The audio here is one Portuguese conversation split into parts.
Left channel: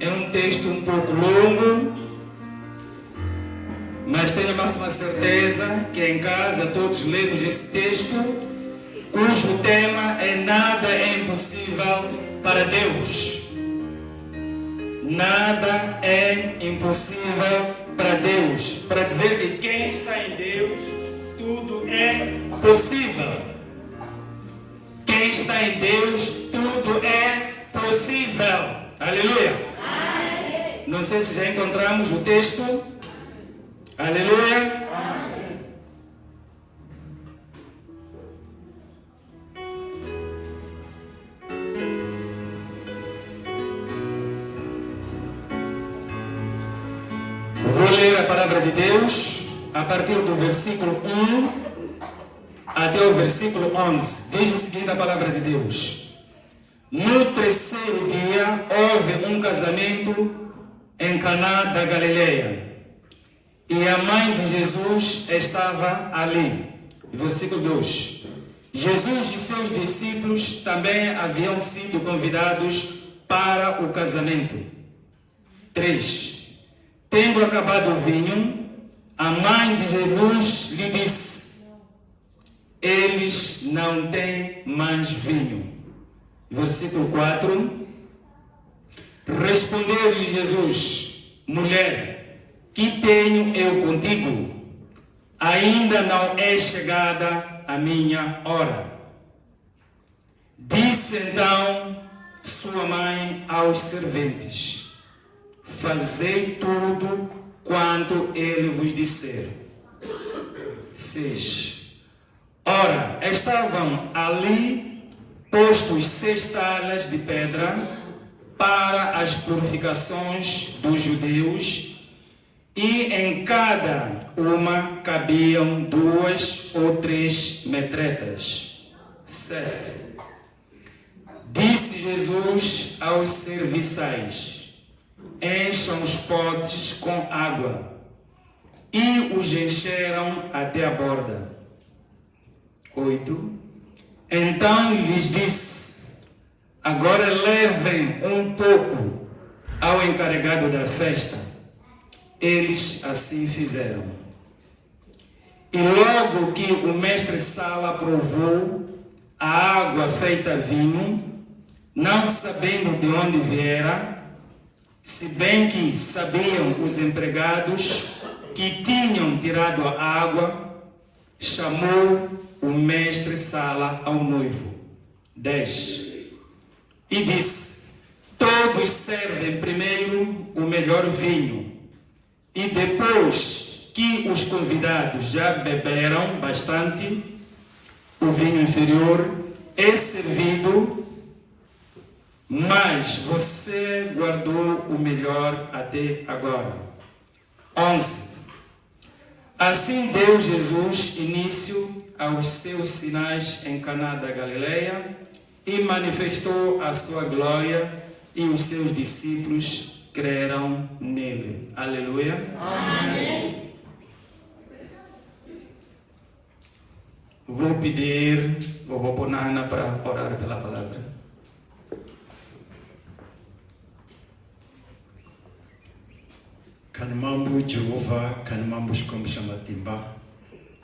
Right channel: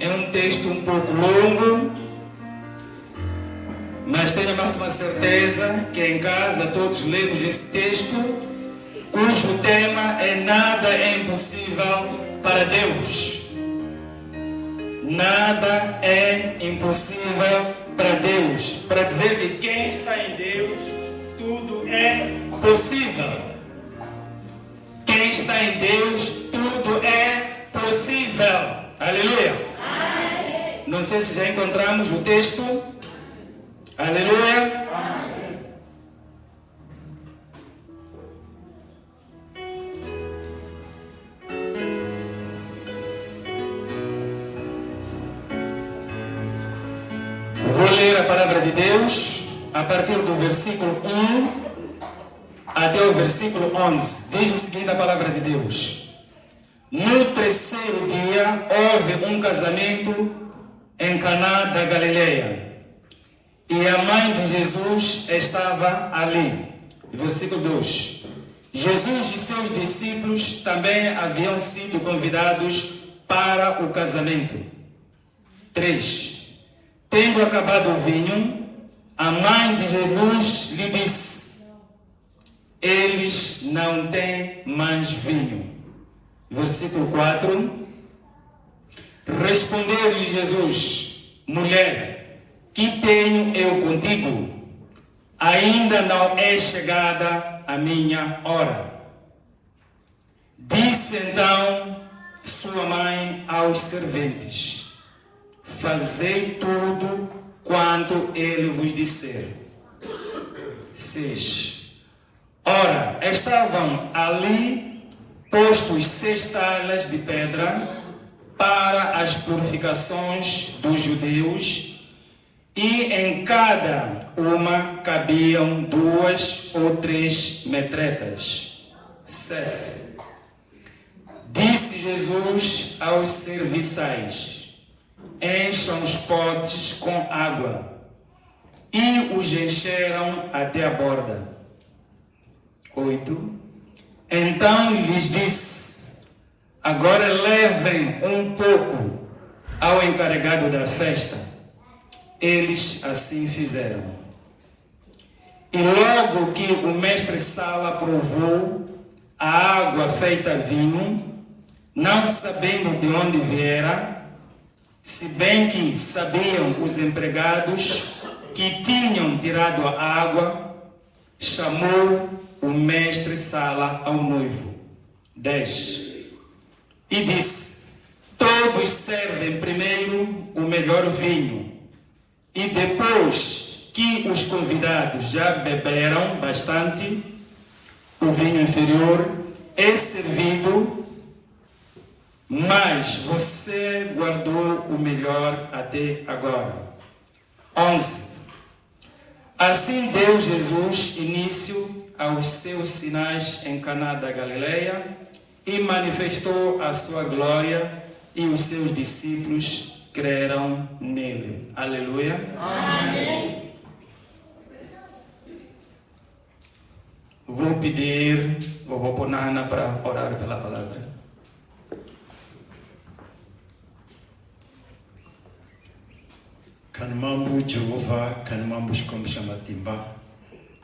É um texto um pouco longo, mas tenho a máxima certeza que em casa todos lemos esse texto, cujo tema é nada é impossível para Deus. Nada é impossível para Deus. Para dizer que quem está em Deus, tudo é possível. Quem está em Deus, tudo é possível. Aleluia. Amém. Não sei se já encontramos o texto. Aleluia. Amém. Vou ler a palavra de Deus a partir do versículo 1 até o versículo 11. Diz o seguinte a palavra de Deus. No terceiro dia houve um casamento em Caná da Galileia. E a mãe de Jesus estava ali. Versículo 2. Jesus e seus discípulos também haviam sido convidados para o casamento. 3. Tendo acabado o vinho, a mãe de Jesus lhe disse: eles não têm mais vinho. Versículo 4. Respondeu-lhe Jesus: mulher, que tenho eu contigo? Ainda não é chegada a minha hora. Disse então sua mãe aos serventes: fazei tudo quanto ele vos disser. 6. Ora, estavam ali postos 6 talas de pedra para as purificações dos judeus, e em cada uma cabiam 2 ou 3 metretas. 7. Disse Jesus aos serviçais: encham os potes com água, e os encheram até a borda. 8. Então lhes disse: agora levem um pouco ao encarregado da festa. Eles assim fizeram. E logo que o mestre-sala provou a água feita vinho, não sabendo de onde viera, se bem que sabiam os empregados que tinham tirado a água, chamou o mestre-sala ao noivo. 10. E disse: todos servem primeiro o melhor vinho, e depois que os convidados já beberam bastante, o vinho inferior é servido, mas você guardou o melhor até agora. 11. Assim deu Jesus início aos seus sinais em Caná da Galileia e manifestou a sua glória, e os seus discípulos creram nele. Aleluia. Amém. Vou pedir, vou pôr na Ana para orar pela palavra. Kanimambu Jehova, kanimambu shikombisha matimba.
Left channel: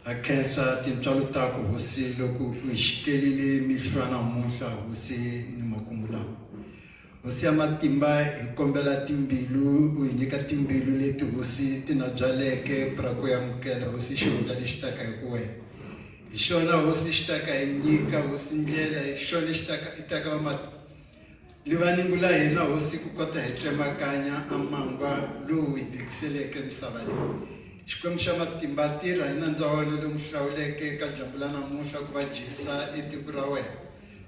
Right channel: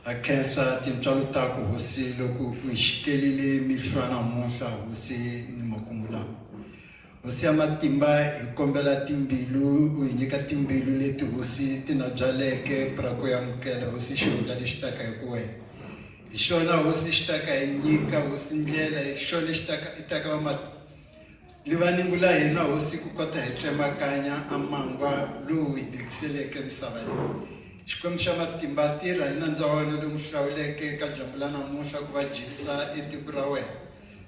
Akensa timtwalu tako hosi loku uishikelile milshwana monsha hosi nimakumula. Hosi amatimba ikombela timbilu, uinyika timbilu letu hosi tinajaleke prako ya mkela hosi shonga lishtaka yekuwe. Ishona hosi shtaka enyika hosi mlela, ishona itaka wa livaningula yena hosi kukota hetremakanya amangwa lu ibikiseleke msavali. Shikwemsha matimba tira inanzawana lu mhlawuleke kajambulana muhla kuvajisa itikurawe.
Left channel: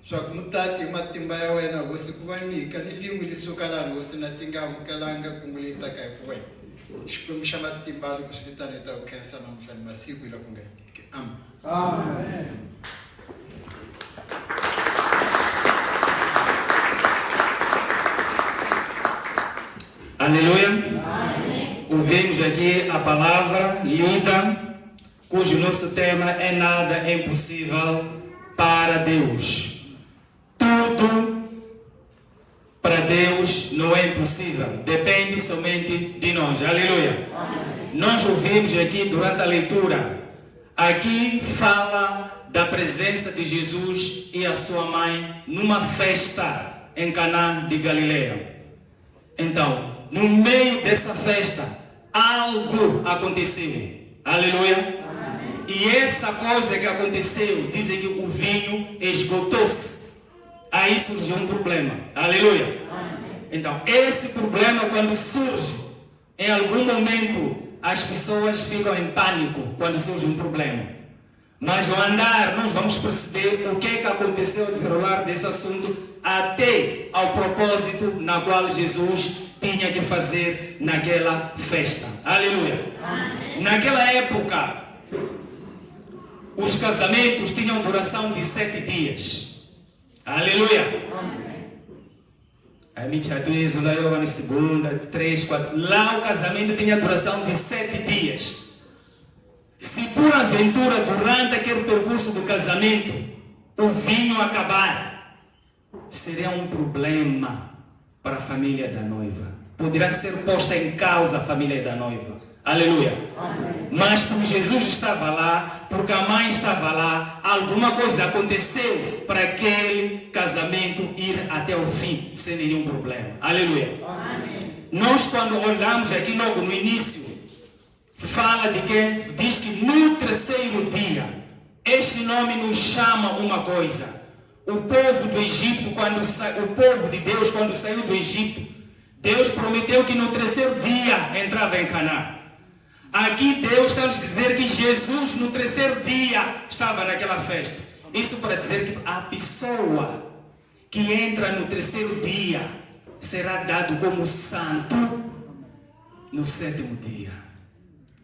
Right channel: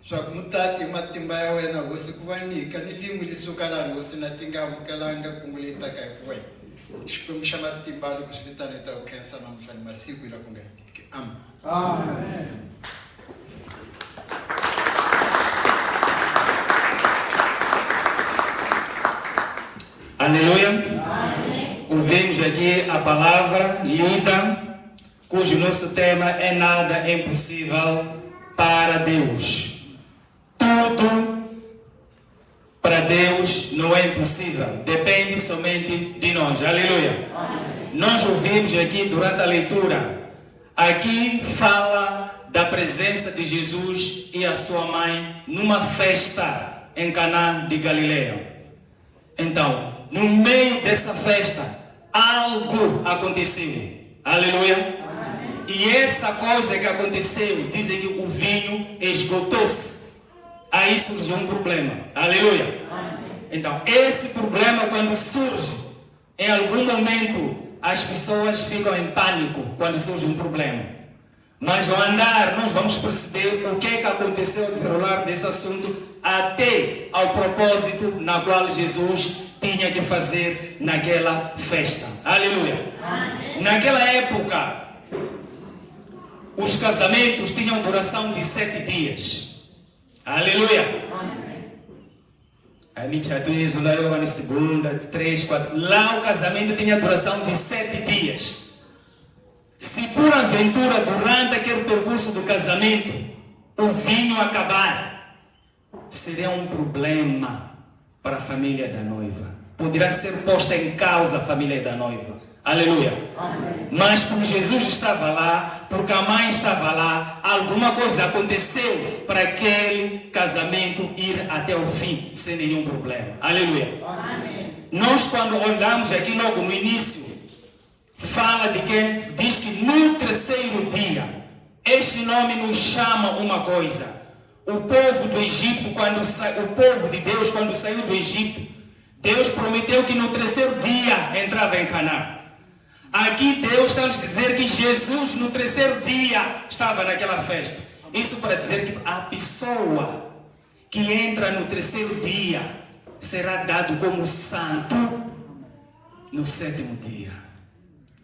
Swak mutati matimba ya wena hosi kuvanika nilimu lisukalana hosi natinga mkalanga kumulita kaikwe. Shikwemsha matimba lu kusilitana ita ukensa na mshani masiku ila kungaikike. Amen. Amen. Aleluia. Amém. Ouvimos aqui a palavra lida, cujo nosso tema é nada é impossível para Deus. Tudo para Deus não é impossível. Depende somente de nós. Aleluia. Nós ouvimos aqui durante a leitura. Aqui fala da presença de Jesus e a sua mãe numa festa em Caná de Galileia. Então, no meio dessa festa, algo aconteceu. Aleluia. E essa coisa que aconteceu, dizem que o vinho esgotou-se. Aí surgiu um problema. Aleluia. Então, esse problema quando surge, em algum momento, as pessoas ficam em pânico quando surge um problema. Mas ao andar, nós vamos perceber o que é que aconteceu ao desenrolar desse assunto até ao propósito na qual Jesus tinha que fazer naquela festa. Aleluia. Naquela época, os casamentos tinham duração de 7 dias. Aleluia. A minha atriz, lá eu na segunda, 3, 4. Lá o casamento tinha duração de 7 dias. Se por aventura, durante aquele percurso do casamento, o vinho acabar, seria um problema para a família da noiva. Poderá ser posta em causa a família da noiva. Aleluia. Mas como Jesus estava lá, porque a mãe estava lá, alguma coisa aconteceu para aquele casamento ir até o fim, sem nenhum problema. Aleluia. Nós quando olhamos aqui logo no início, fala de que, diz que no 3º dia, este nome nos chama uma coisa. O povo do Egito, o povo de Deus, quando saiu do Egito, Deus prometeu que no 3º dia entrava em Canaã. Aqui Deus está nos dizer que Jesus no 3º dia estava naquela festa. Isso para dizer que a pessoa que entra no 3º dia será dado como santo no 7º dia.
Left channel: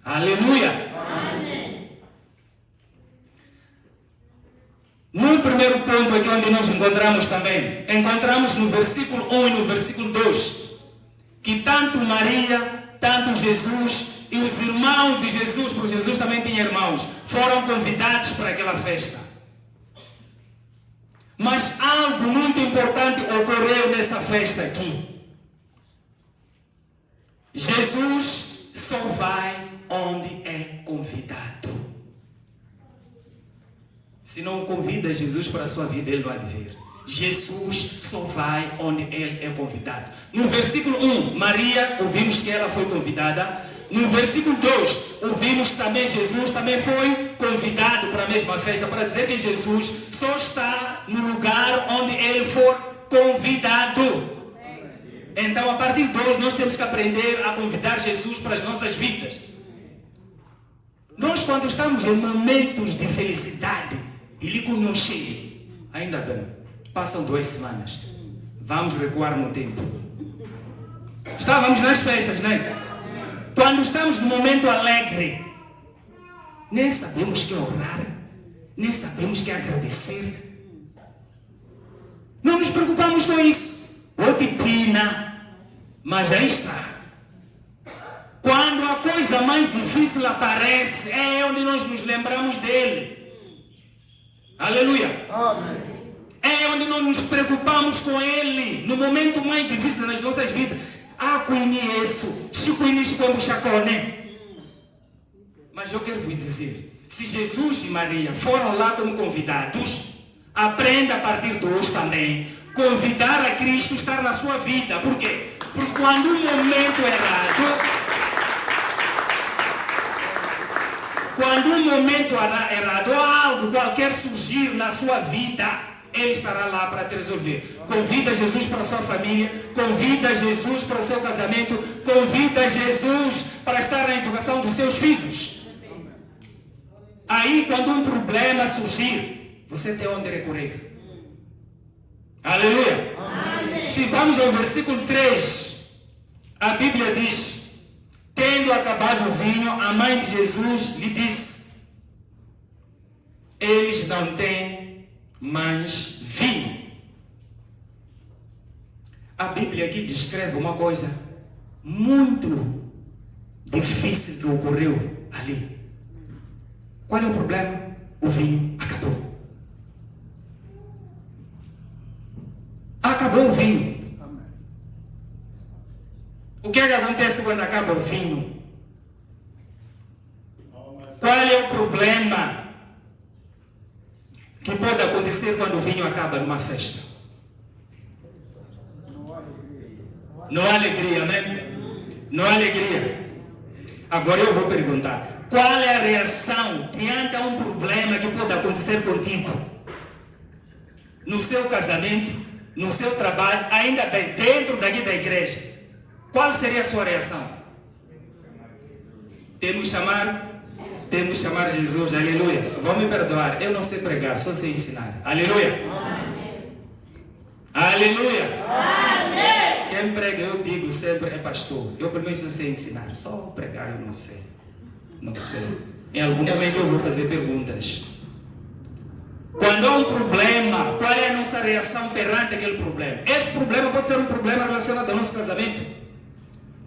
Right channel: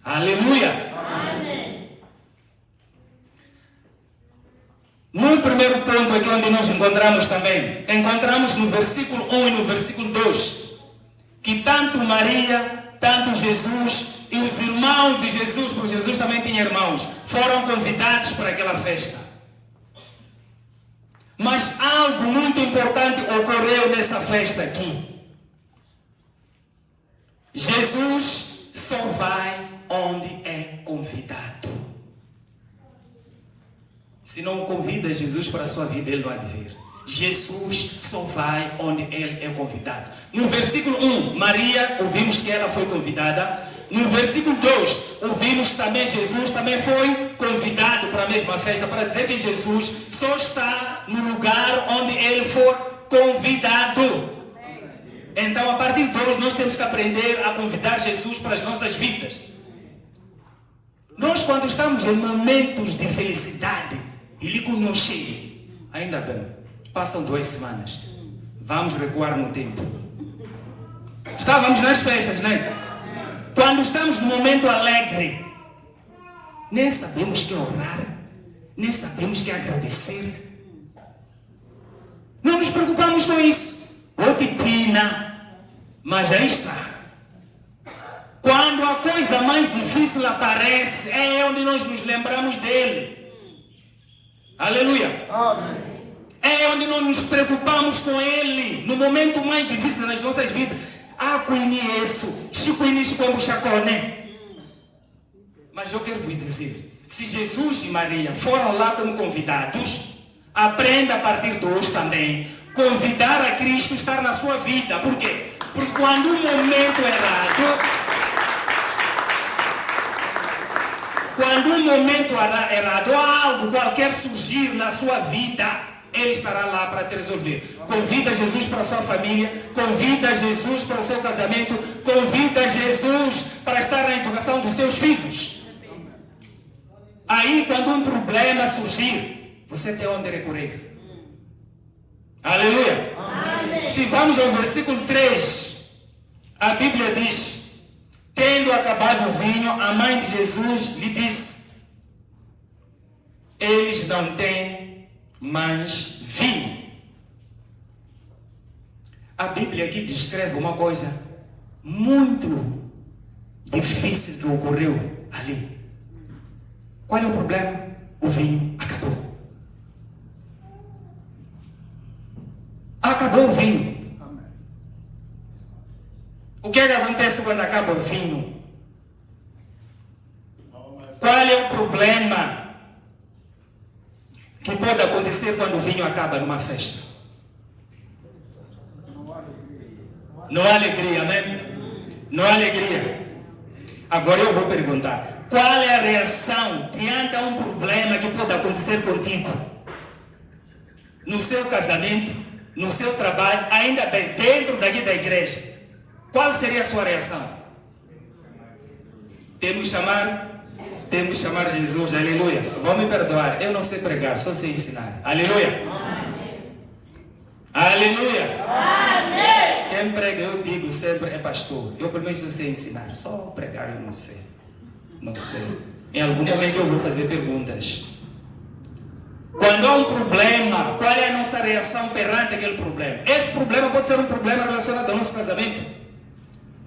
Aleluia! Amém. No primeiro ponto aqui onde nós encontramos também, encontramos no versículo 1 e no versículo 2, que tanto Maria, tanto Jesus e os irmãos de Jesus, porque Jesus também tinha irmãos, foram convidados para aquela festa. Mas algo muito importante ocorreu nessa festa aqui. Jesus só vai onde é convidado. Se não convida Jesus para a sua vida, ele não há de vir. Jesus só vai onde ele é convidado. No versículo 1, Maria, ouvimos que ela foi convidada. No versículo 2, ouvimos que também Jesus também foi convidado para a mesma festa, para dizer que Jesus só está no lugar onde ele for convidado. Então, a partir de hoje, nós temos que aprender a convidar Jesus para as nossas vidas. Nós, quando estamos em momentos de felicidade, ele conosco, ainda bem, passam 2 semanas, vamos recuar no tempo. Estávamos nas festas, não é? Quando estamos num momento alegre, nem sabemos que orar, nem sabemos que agradecer. Não nos preocupamos com isso. Ou que pena, mas aí está. Quando a coisa mais difícil aparece, é onde nós nos lembramos dele. Aleluia. É onde nós nos preocupamos com ele, no momento mais difícil das nossas vidas. Conheço, mas eu quero vos dizer, se Jesus e Maria foram lá como convidados, aprenda a partir de hoje também, convidar a Cristo a estar na sua vida. Por quê? Porque quando um momento errado, algo qualquer surgir na sua vida, ele estará lá para te resolver. Convida Jesus para a sua família, convida Jesus para o seu casamento, convida Jesus para estar na educação dos seus filhos. Aí, quando um problema surgir, você tem onde recorrer. Aleluia. Amém. Se vamos ao versículo 3, a Bíblia diz: tendo acabado o vinho, a mãe de Jesus lhe disse: eles não têm mais vinho. A Bíblia aqui descreve uma coisa muito difícil que ocorreu ali. Qual é o problema? O vinho acabou. Acabou o vinho. que é que acontece quando acaba o vinho? Qual é o problema que pode acontecer quando o vinho acaba numa festa? Não há alegria, amém? Não há alegria. Agora eu vou perguntar, qual é a reação diante a um problema que pode acontecer contigo? No seu casamento, no seu trabalho, ainda bem, dentro daqui da igreja. Qual seria a sua reação? Temos que chamar Jesus, aleluia. Vão me perdoar, eu não sei pregar, só sei ensinar. Aleluia. Amém. Aleluia. Amém. Quem prega, eu digo sempre, é pastor. Eu pelo menos não sei ensinar, só pregar eu não sei. Não sei. Em algum momento eu vou fazer perguntas. Quando há um problema, qual é a nossa reação perante aquele problema? Esse problema pode ser um problema relacionado ao nosso casamento.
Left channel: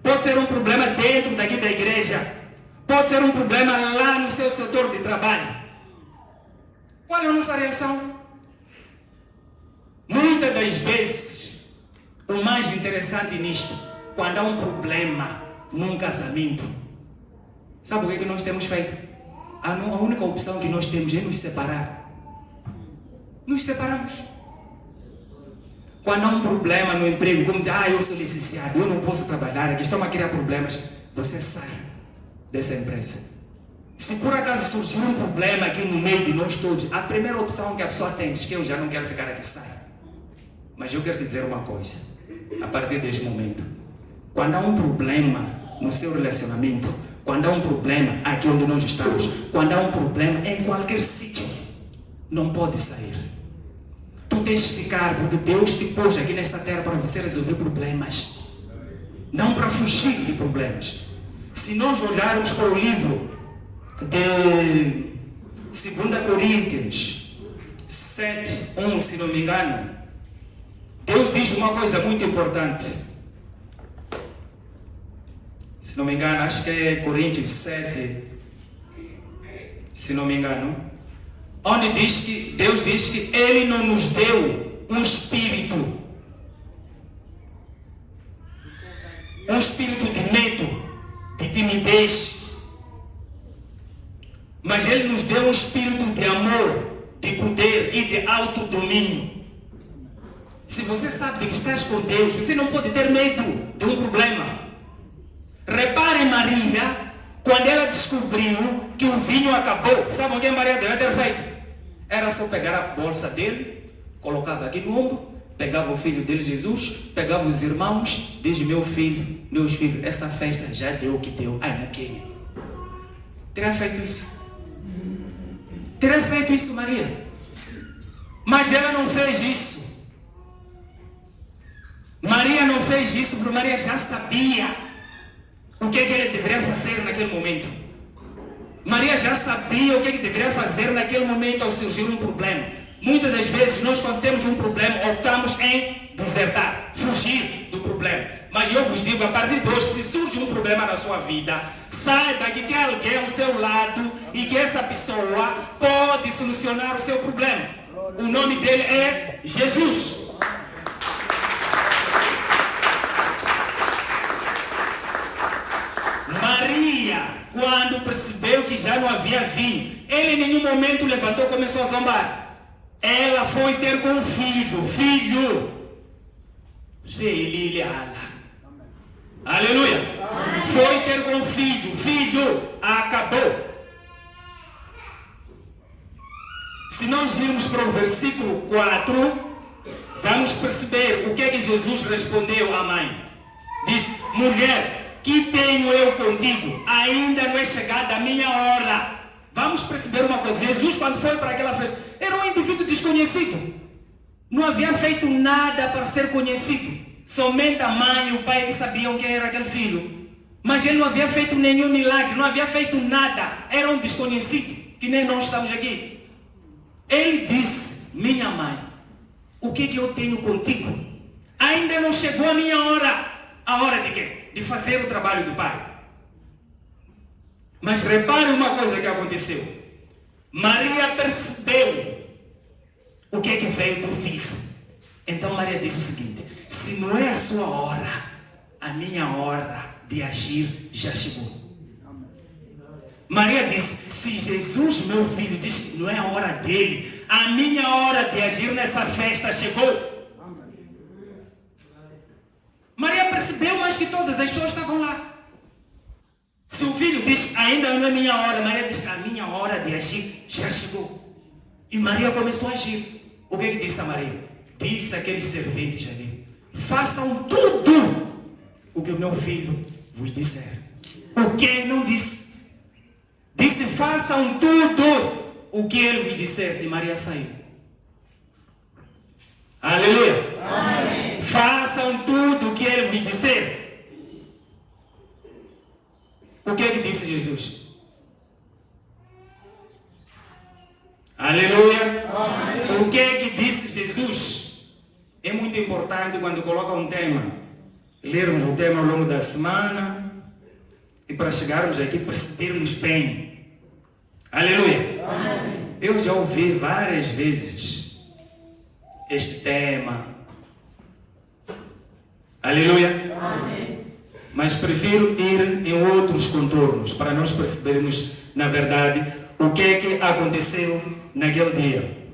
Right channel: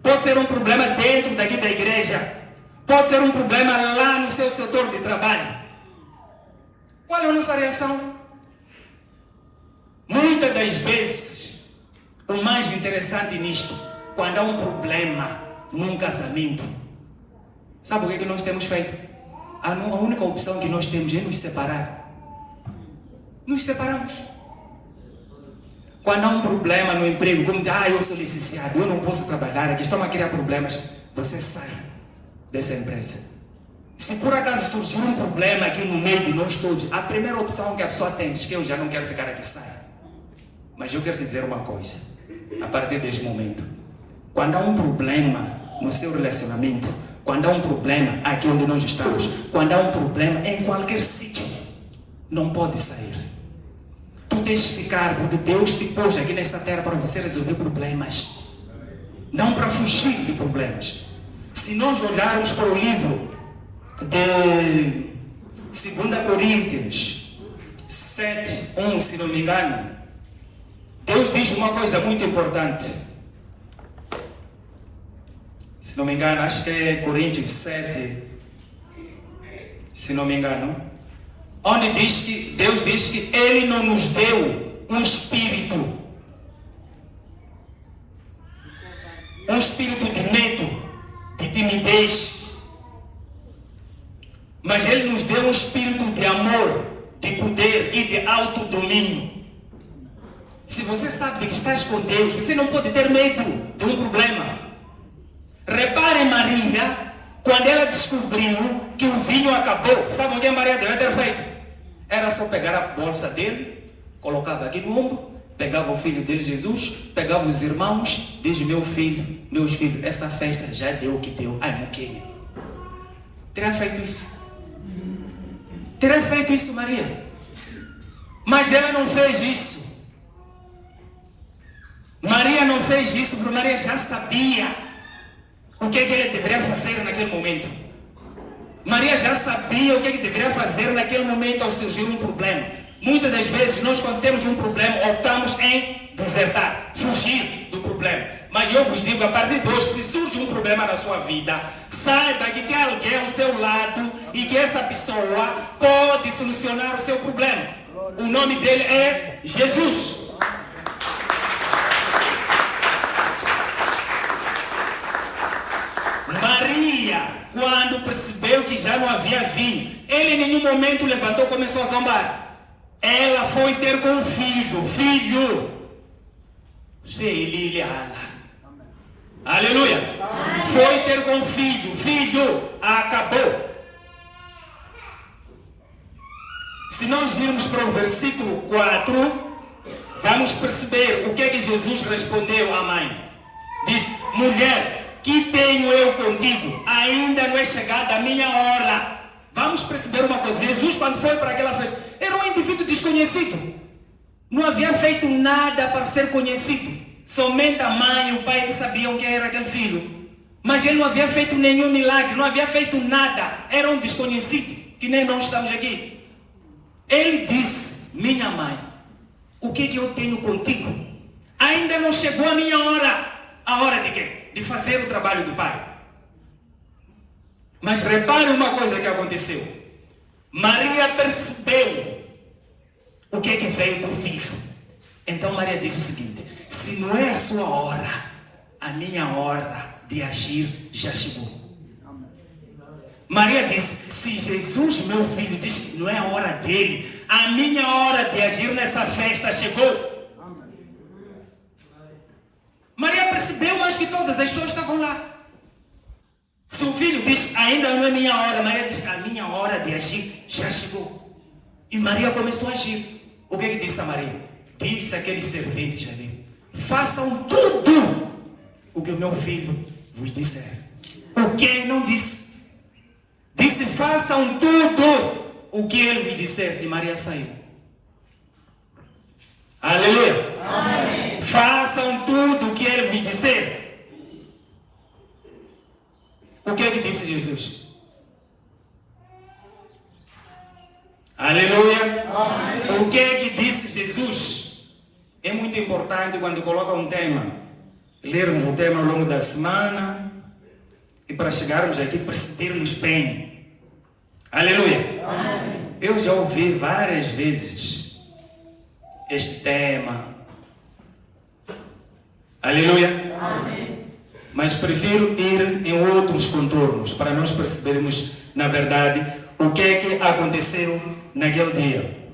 Pode ser um problema dentro daqui da igreja. Pode ser um problema lá no seu setor de trabalho. Qual é a nossa reação? Muitas das vezes, o mais interessante nisto, quando há um problema num casamento, sabe o que nós temos feito? A única opção que nós temos é nos separar. Nos separamos. Quando há um problema no emprego, como diz, eu sou licenciado, eu não posso trabalhar, aqui estão a criar problemas, você sai dessa empresa. Se por acaso surgir um problema aqui no meio de nós todos, a primeira opção que a pessoa tem diz que eu já não quero ficar aqui, sai. Mas eu quero te dizer uma coisa, a partir deste momento, quando há um problema no seu relacionamento, quando há um problema aqui onde nós estamos, quando há um problema em qualquer sítio, não pode sair. Tu tens que ficar, porque Deus te pôs aqui nessa terra para você resolver problemas, não para fugir de problemas. Se nós olharmos para o livro de 2 Coríntios 7:1, se não me engano, Deus diz uma coisa muito importante. Se não me engano, acho que é Coríntios 7, se não me engano, onde diz que Deus diz que Ele não nos deu um espírito de medo, de timidez, mas Ele nos deu um espírito de amor, de poder e de autodomínio. Se você sabe de que estás com Deus, você não pode ter medo de um problema. Repare Maria, quando ela descobriu que o vinho acabou, sabe o que a Maria deve ter feito? Era só pegar a bolsa dele, colocava aqui no ombro, pegava o filho dele, Jesus, pegava os irmãos, diz, meus filhos, essa festa já deu o que deu, não queria. Teria feito isso. Teria feito isso, Maria. Mas ela não fez isso. Maria não fez isso, porque Maria já sabia o que ele deveria fazer naquele momento. Maria já sabia o que deveria fazer naquele momento ao surgir um problema. Muitas das vezes nós, quando temos um problema, optamos em desertar, fugir do problema. Mas eu vos digo, a partir de hoje, se surge um problema na sua vida, saiba que tem alguém ao seu lado e que essa pessoa pode solucionar o seu problema. O nome dele é Jesus. Maria, quando percebeu que já não havia vinho, ele em nenhum momento levantou e começou a zombar. Ela foi ter com o filho. Aleluia. Foi ter com o filho, acabou. Se nós virmos para o versículo 4, vamos perceber o que é que Jesus respondeu à mãe. Disse, mulher, que tenho eu contigo? Ainda não é chegada a minha hora. Vamos perceber uma coisa. Jesus, quando foi para aquela festa, era um indivíduo desconhecido. Não havia feito nada para ser conhecido. Somente a mãe e o pai que sabiam quem era aquele filho. Mas ele não havia feito nenhum milagre, não havia feito nada. Era um desconhecido, que nem nós estamos aqui. Ele disse, minha mãe, o que eu tenho contigo? Ainda não chegou a minha hora. A hora de quê? De fazer o trabalho do pai. Mas repare uma coisa que aconteceu. Maria percebeu o que veio do filho. Então Maria disse o seguinte, se não é a sua hora, a minha hora de agir já chegou. Maria disse, se Jesus, meu filho, diz que não é a hora dele, a minha hora de agir nessa festa chegou. Maria percebeu mais que todas as pessoas estavam lá. Se o filho diz, ainda não é minha hora, Maria diz, a minha hora de agir já chegou. E Maria começou a agir. O que ele disse a Maria? Disse aqueles serventes ali, façam tudo o que o meu filho vos disser. O que ele não disse? Disse, façam tudo o que ele vos disser. E Maria saiu. Aleluia. Amém. Façam tudo o que ele vos disser. O que é que disse Jesus? Aleluia. Amém. O que é que disse Jesus? É muito importante quando coloca um tema, lermos o tema ao longo da semana e para chegarmos aqui percebermos bem. Aleluia. Amém. Eu já ouvi várias vezes este tema. Aleluia. Amém. Mas prefiro ir em outros contornos para nós percebermos, na verdade, o que é que aconteceu naquele dia.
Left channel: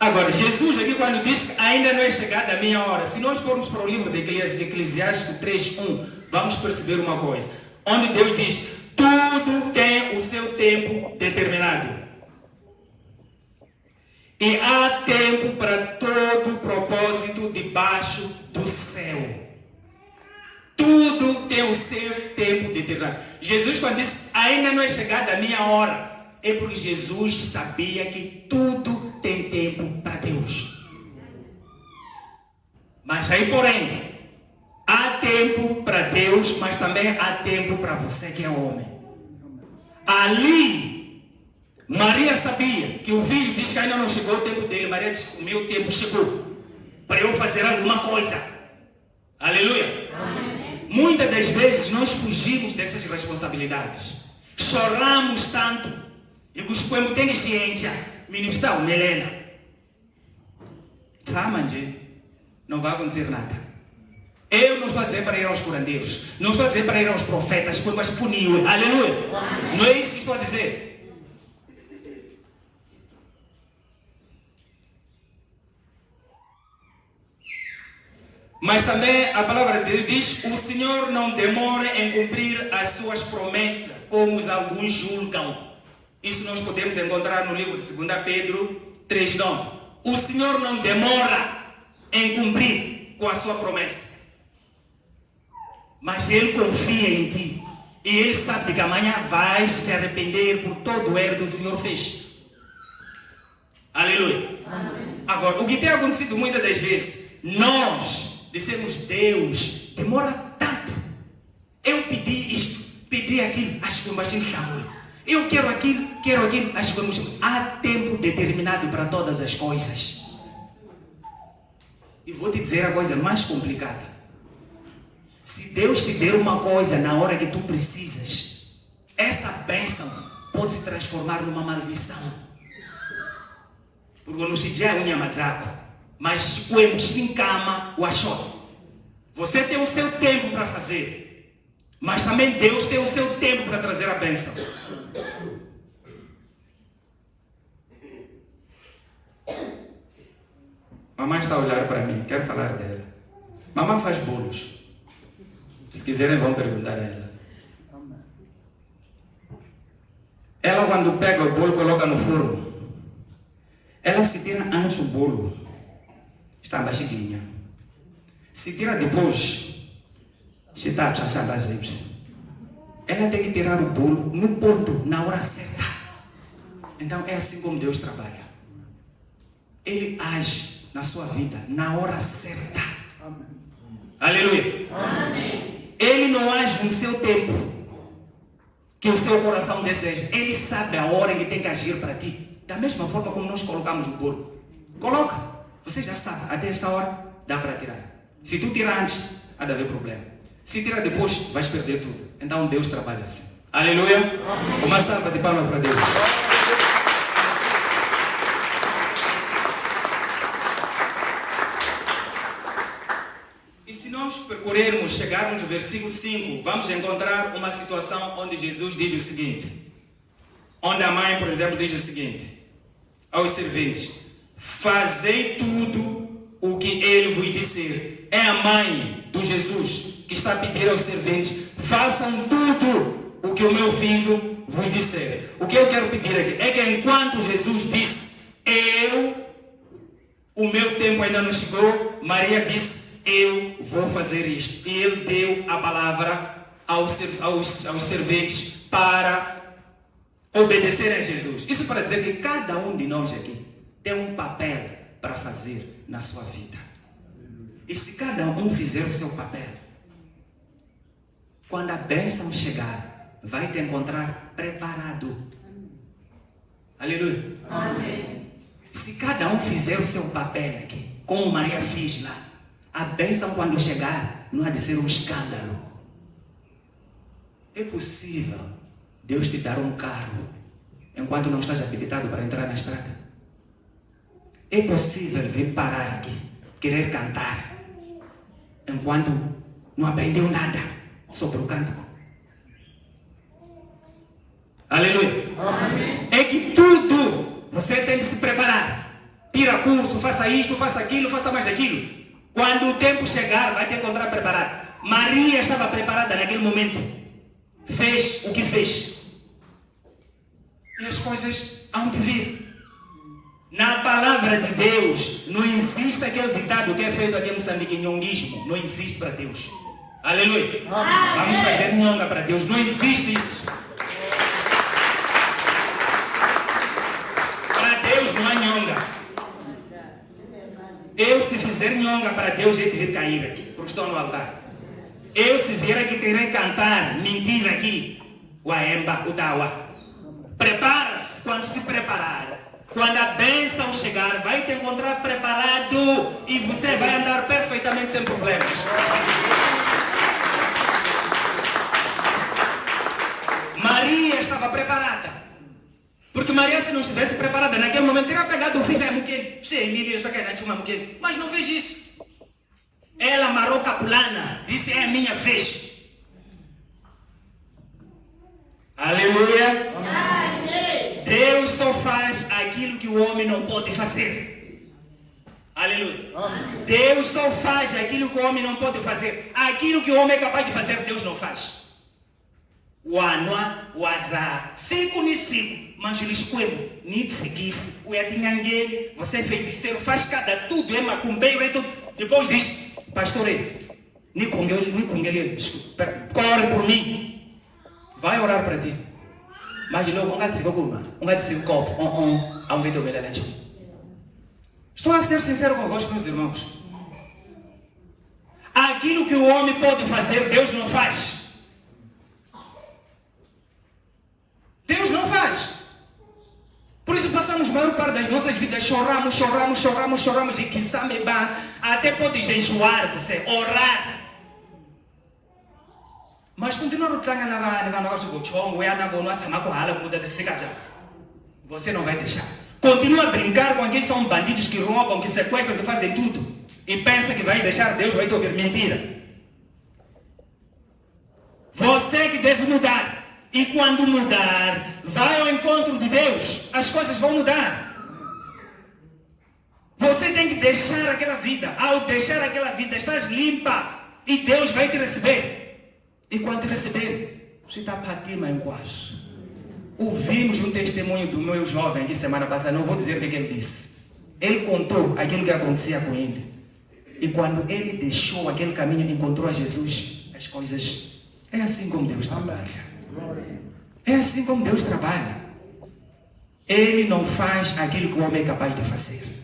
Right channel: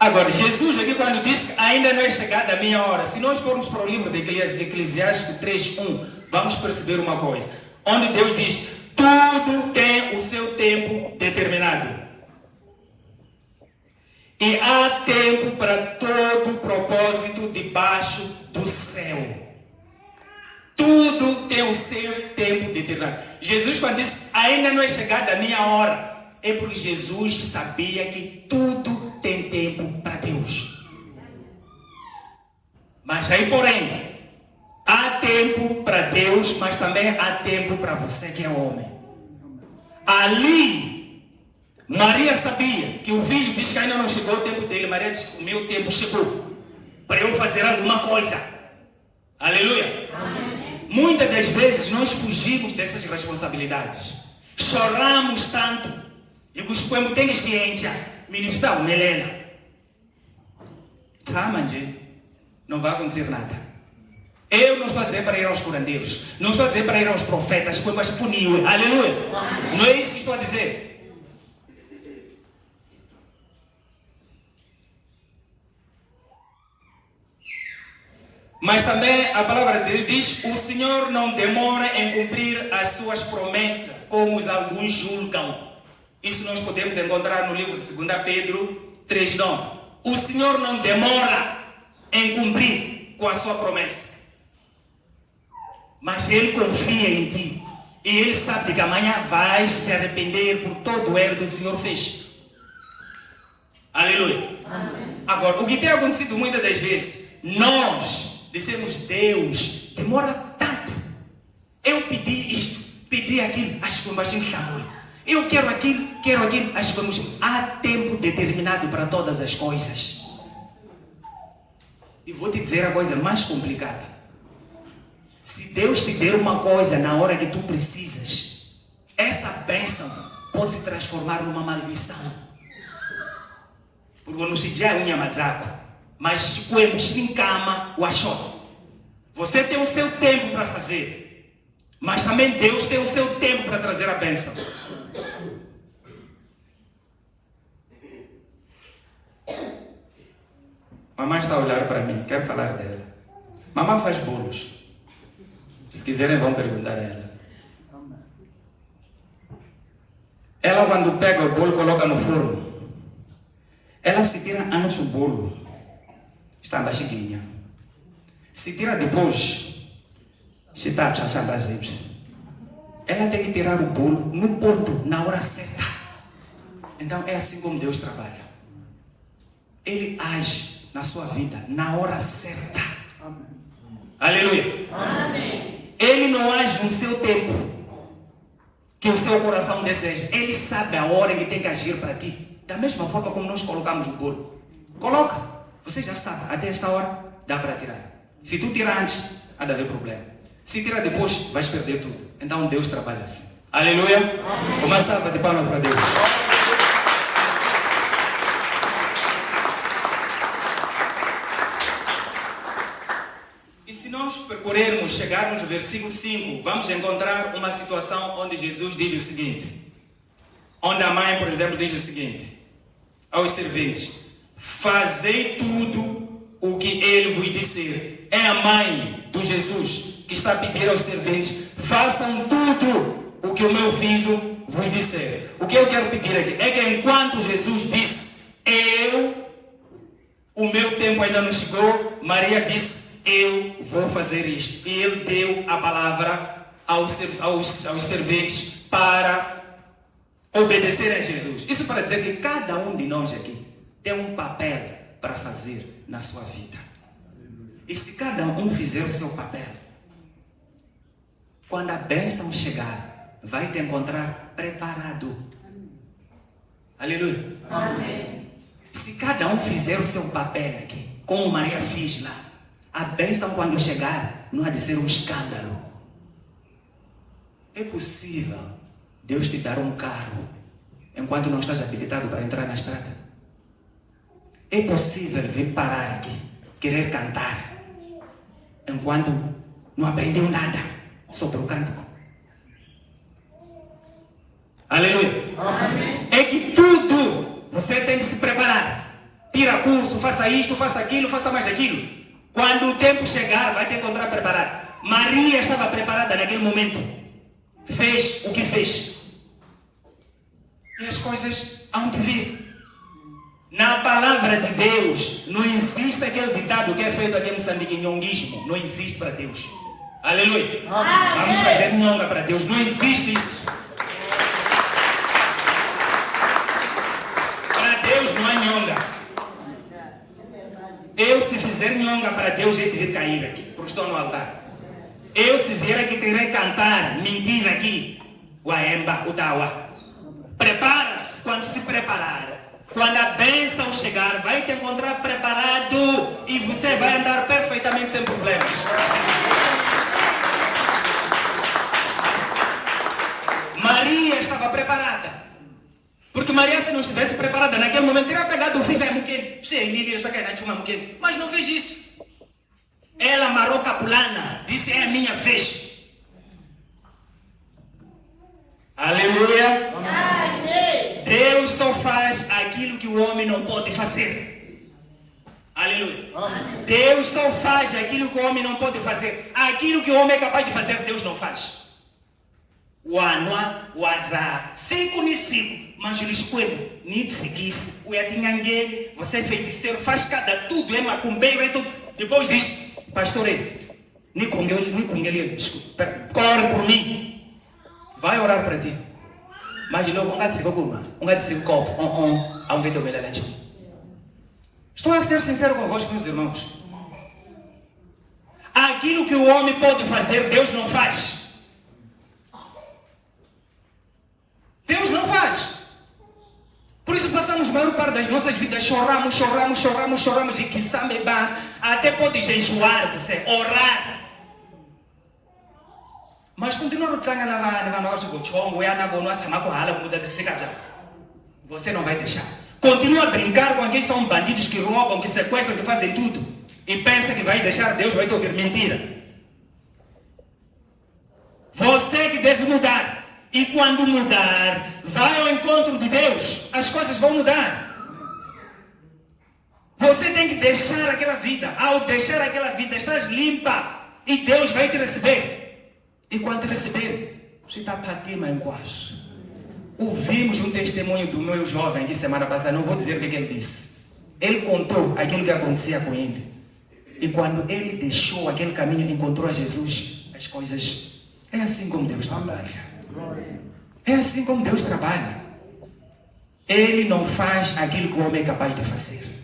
Agora, Jesus aqui quando diz que ainda não é chegada a minha hora, se nós formos para o livro de Eclesiastes 3:1, vamos perceber uma coisa. Onde Deus diz, tudo tem o seu tempo determinado. E há tempo para todo propósito debaixo do céu. Tudo tem o seu tempo determinado. Jesus quando disse, ainda não é chegada a minha hora, é porque Jesus sabia que tudo tem tempo para Deus. Mas aí, porém, há tempo para Deus, mas também há tempo para você que é homem. Ali, Maria sabia que o filho diz que ainda não chegou o tempo dele. Maria disse, o meu tempo chegou para eu fazer alguma coisa. Aleluia. Amém. Muitas das vezes nós fugimos dessas responsabilidades. Choramos tanto. E cuspemos inteligência. Ministro Helena. Sabe, não vai acontecer nada. Eu não estou a dizer para ir aos curandeiros. Não estou a dizer para ir aos profetas. Mas funil. Aleluia. Amém. Não é isso que estou a dizer. Mas também a palavra de Deus diz, o Senhor não demora em cumprir as suas promessas, como alguns julgam. Isso nós podemos encontrar no livro de 2 Pedro 3:9. O Senhor não demora em cumprir com a sua promessa. Mas Ele confia em ti. E Ele sabe que amanhã vai se arrepender por todo o erro que o Senhor fez. Aleluia. Amém. Agora, o que tem acontecido muitas das vezes, nós dissemos, Deus, demora tanto. Eu pedi isto, pedi aquilo, acho que o baixinho chamou. Eu quero aquilo, acho que o baixinho. Há tempo determinado para todas as coisas. E vou te dizer a coisa mais complicada. Se Deus te der uma coisa na hora que tu precisas, essa bênção pode se transformar numa maldição. Porque não se diz a unha mazaco. Mas quando em cama, o achou. Você tem o seu tempo para fazer. Mas também Deus tem o seu tempo para trazer a bênção. Mamãe está a olhar para mim, quero falar dela. Mamãe faz bolos. Se quiserem vão perguntar a ela. Ela quando pega o bolo, coloca no forno. Ela se tira antes o bolo. Está baixinha. Se tira depois, ela tem que tirar o bolo no ponto, na hora certa. Então é assim como Deus trabalha. Ele age na sua vida na hora certa. Aleluia. Amém. Ele não age no seu tempo que o seu coração deseja. Ele sabe a hora que tem que agir para ti. Da mesma forma como nós colocamos o bolo. Coloca. Você já sabe, até esta hora dá para tirar. Se tu tirar antes, há de haver problema. Se tirar depois, vais perder tudo. Então Deus trabalha assim. Aleluia. Amém. Uma salva de palmas para Deus. E se nós percorrermos, chegarmos no versículo 5, vamos encontrar uma situação onde Jesus diz o seguinte. Onde a mãe, por exemplo, diz o seguinte aos serventes: fazei tudo o que ele vos disser. É a mãe do Jesus que está a pedir aos serventes: façam tudo o que o meu filho vos disser. O que eu quero pedir aqui é que enquanto Jesus disse, o meu tempo ainda não chegou, Maria disse, eu vou fazer isto. E ele deu a palavra aos serventes para obedecer a Jesus. Isso para dizer que cada um de nós aqui tem um papel para fazer na sua vida. E se cada um fizer o seu papel, quando a bênção chegar, vai te encontrar preparado. Aleluia. Amém. Se cada um fizer o seu papel aqui, como Maria fez lá, a bênção quando chegar, não há de ser um escândalo. É possível Deus te dar um carro enquanto não estás habilitado para entrar na estrada. É possível vir parar aqui, querer cantar, enquanto não aprendeu nada sobre o cântico. Aleluia. Amém. É que tudo você tem que se preparar. Tira curso, faça isto, faça aquilo, faça mais aquilo. Quando o tempo chegar, vai te encontrar preparado. Maria estava preparada naquele momento. Fez o que fez. E as coisas hão de vir. Na palavra de Deus, não existe aquele ditado que é feito aqui em Moçambique, nhonguismo. Não existe para Deus. Aleluia. Vamos fazer nhonga para Deus. Não existe isso. Para Deus não há nhonga. Eu, se fizer nhonga para Deus, eu terei que cair aqui, porque estou no altar. Eu, se vier aqui, terei que cantar, mentir aqui. O aemba, o tawa. Prepara-se. Quando se preparar, quando a bênção chegar, vai te encontrar preparado e você vai andar perfeitamente sem problemas. Maria estava preparada. Porque Maria, se não estivesse preparada naquele momento, teria pegado o filho e mas não fez isso. Ela amarrou capulana, disse: é a minha vez. Aleluia. Amém. Deus só faz aquilo que o homem não pode fazer. Aleluia. Amém. Deus só faz aquilo que o homem não pode fazer. Aquilo que o homem é capaz de fazer, Deus não faz. Cinco ni cinco, mas eles escolhem, nem seguisse, o yatinhanguele, você é feiticeiro, faz cada tudo, é macumbeiro e tudo. Depois diz: pastor, nem com ele, corre por mim, vai orar para ti. Mas logo, estou a ser sincero convosco, meus irmãos. Aquilo que o homem pode fazer, Deus não faz. Deus não faz. Por isso passamos a maior parte das nossas vidas, choramos e que sabe base, até podes enjoar você, orar. Mas continuar você não vai deixar. Continua a brincar com quem são bandidos que roubam, que sequestram, que fazem tudo. E pensa que vai deixar Deus, vai te ouvir. Mentira. Você que deve mudar. E quando mudar, vai ao encontro de Deus, as coisas vão mudar. Você tem que deixar aquela vida. Ao deixar aquela vida, estás limpa. E Deus vai te receber. E quando te receber, você está para ti, mãe, quase. Ouvimos um testemunho do meu jovem aqui semana passada, não vou dizer o que ele disse. Ele contou aquilo que acontecia com ele. E quando ele deixou aquele caminho e encontrou a Jesus, as coisas... É assim como Deus trabalha. É assim como Deus trabalha. Ele não faz aquilo que o homem é capaz de fazer.